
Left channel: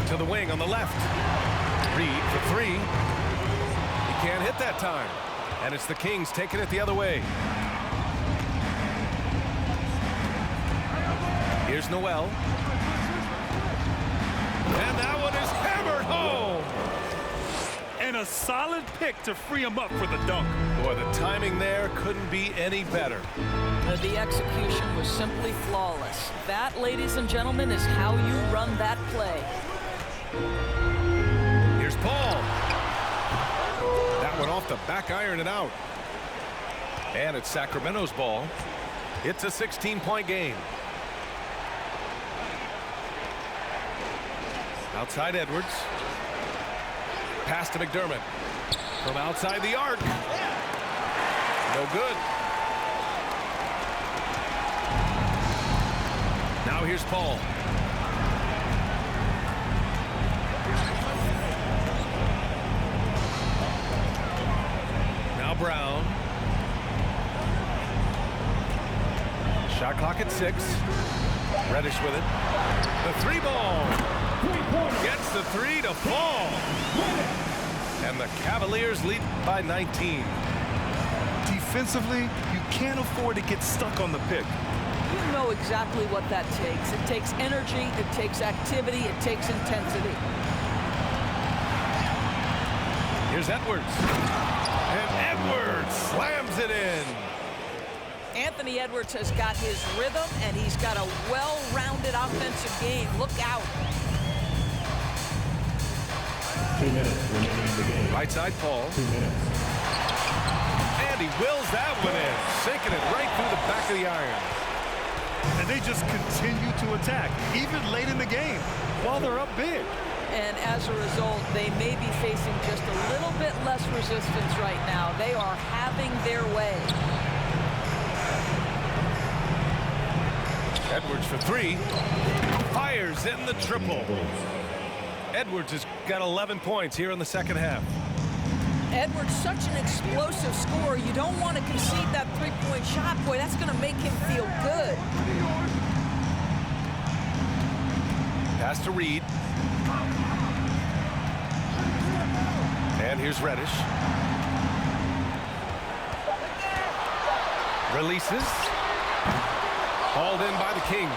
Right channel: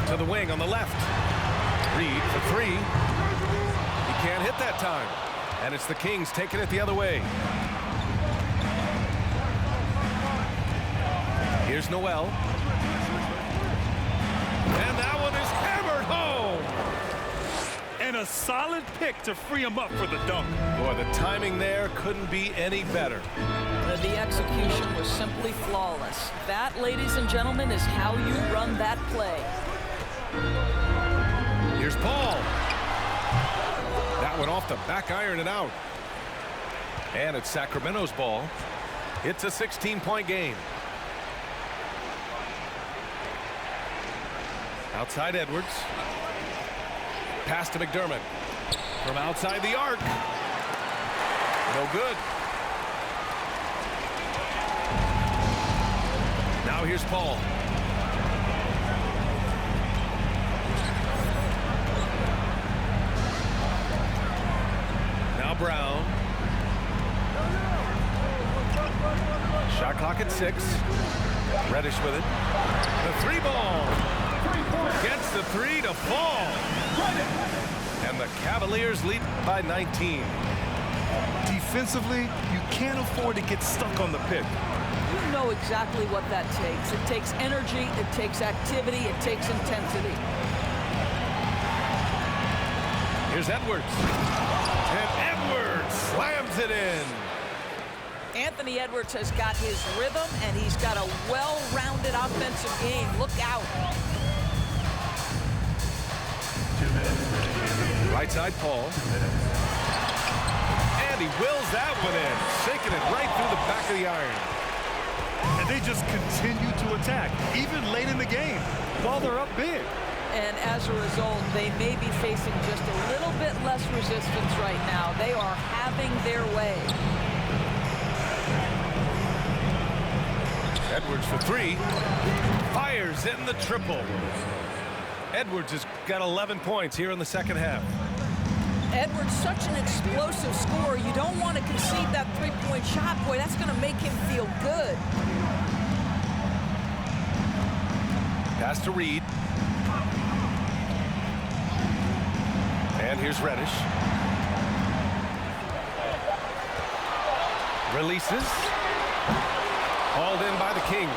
To the wing on the left. Reed for three. He can't hit that time. And it's the Kings taking it the other way. Here's Noel. And that one is hammered home. And a solid pick to free him up for the dunk. Boy, the timing there couldn't be any better. The execution was simply flawless. That, ladies and gentlemen, is how you run that play. Here's Paul. That one off the back iron and out. And it's Sacramento's ball. It's a 16-point game. Outside Edwards. Pass to McDermott. From outside the arc. No good. Now here's Paul. Now Brown. Shot clock at 6. Reddish with it. The three ball. Gets the three to fall. And the Cavaliers lead by 19. Defensively, you can't afford to get stuck on the pick. You know exactly what that takes. It takes energy, it takes activity, it takes intensity. Here's Edwards. And Edwards slams it in. Anthony Edwards has got his rhythm, and he's got a well-rounded offensive game. Look out. 2 minutes remaining. Right side Paul. And he wills that one in, sinking it right through the back of the iron. And they just continue to attack, even late in the game, while they're up big. And as a result, they may be facing just a little bit less resistance right now. They are having their way. Edwards for three. Fires in the triple. Edwards has got 11 points here in the second half. Edwards, such an explosive scorer. You don't want to concede that three-point shot. Boy, that's going to make him feel good. Pass to Reed. And here's Reddish. Releases. Hauled in by the Kings.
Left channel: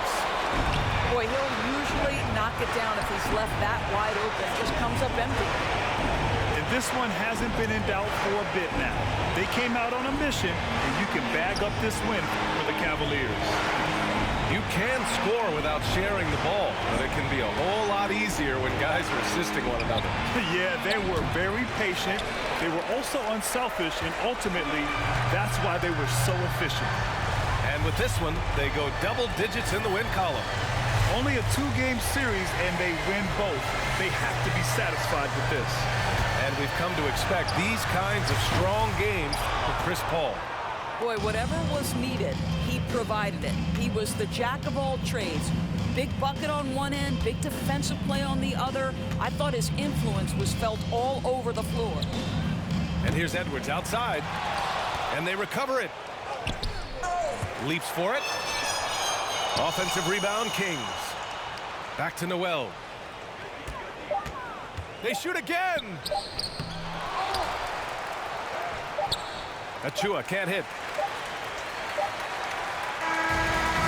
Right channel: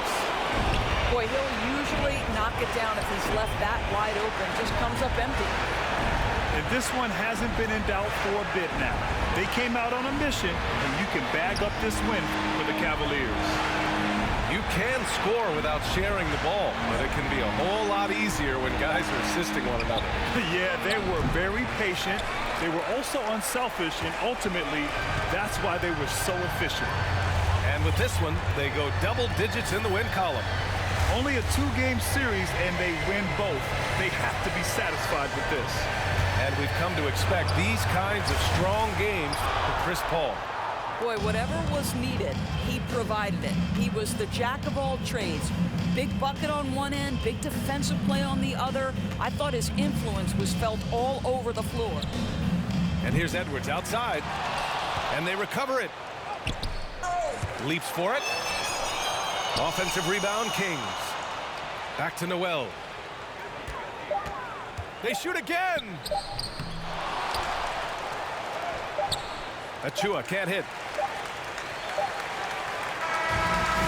Boy, he'll usually knock it down if he's left that wide open. Just comes up empty. And this one hasn't been in doubt for a bit now. They came out on a mission, and you can bag up this win for the Cavaliers. You can score without sharing the ball, but it can be a whole lot easier when guys are assisting one another. Yeah, they were very patient. They were also unselfish, and ultimately, that's why they were so efficient. And with this one, they go double digits in the win column. Only a two-game series, and they win both. They have to be satisfied with this. And we've come to expect these kinds of strong games from Chris Paul. Boy, whatever was needed, he provided it. He was the jack of all trades. Big bucket on one end, big defensive play on the other. I thought his influence was felt all over the floor. And here's Edwards outside, and they recover it. Leaps for it. Offensive rebound, Kings. Back to Noel. They shoot again. Achua can't hit.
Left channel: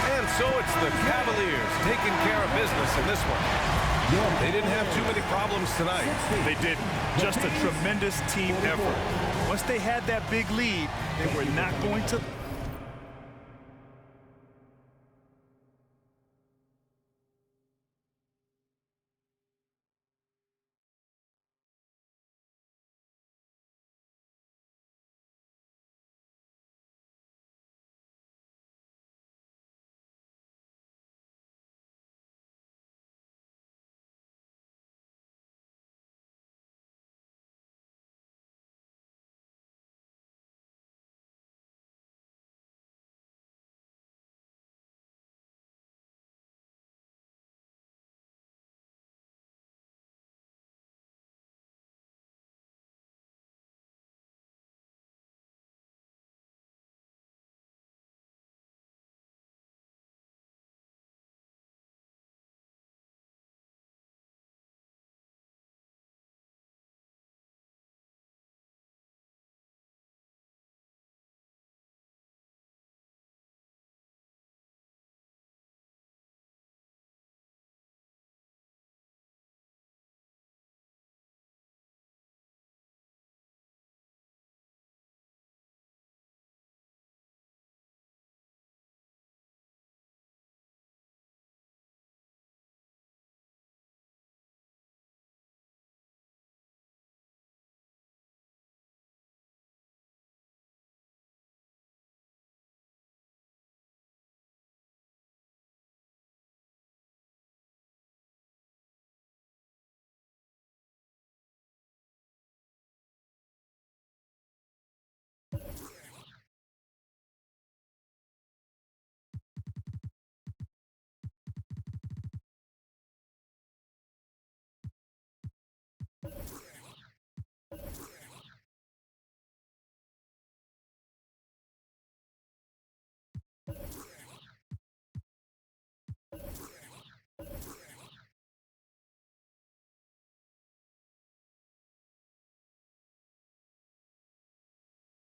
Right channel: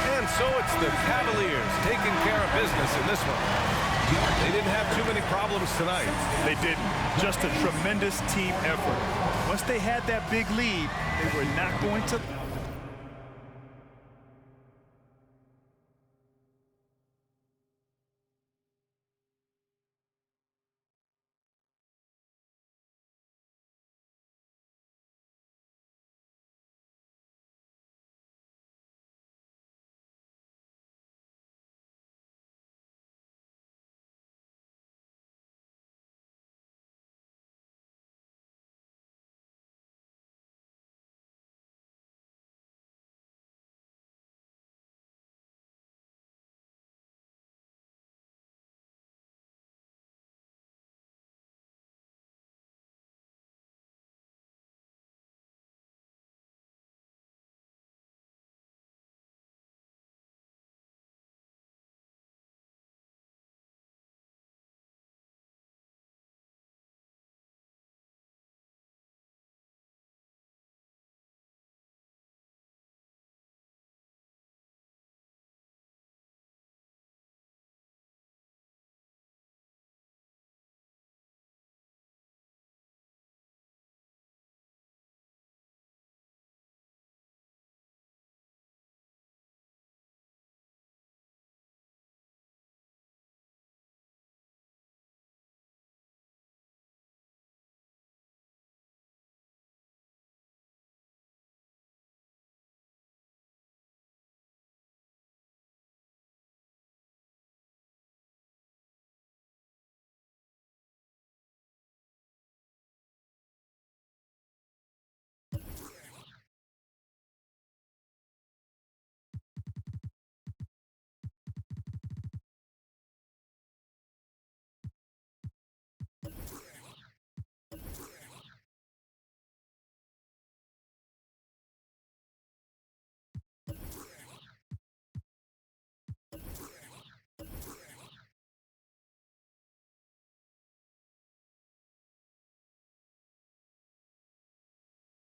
And so it's the Cavaliers taking care of business in this one. They didn't have too many problems tonight. They didn't. Just a tremendous team effort. Once they had that big lead, they were not going to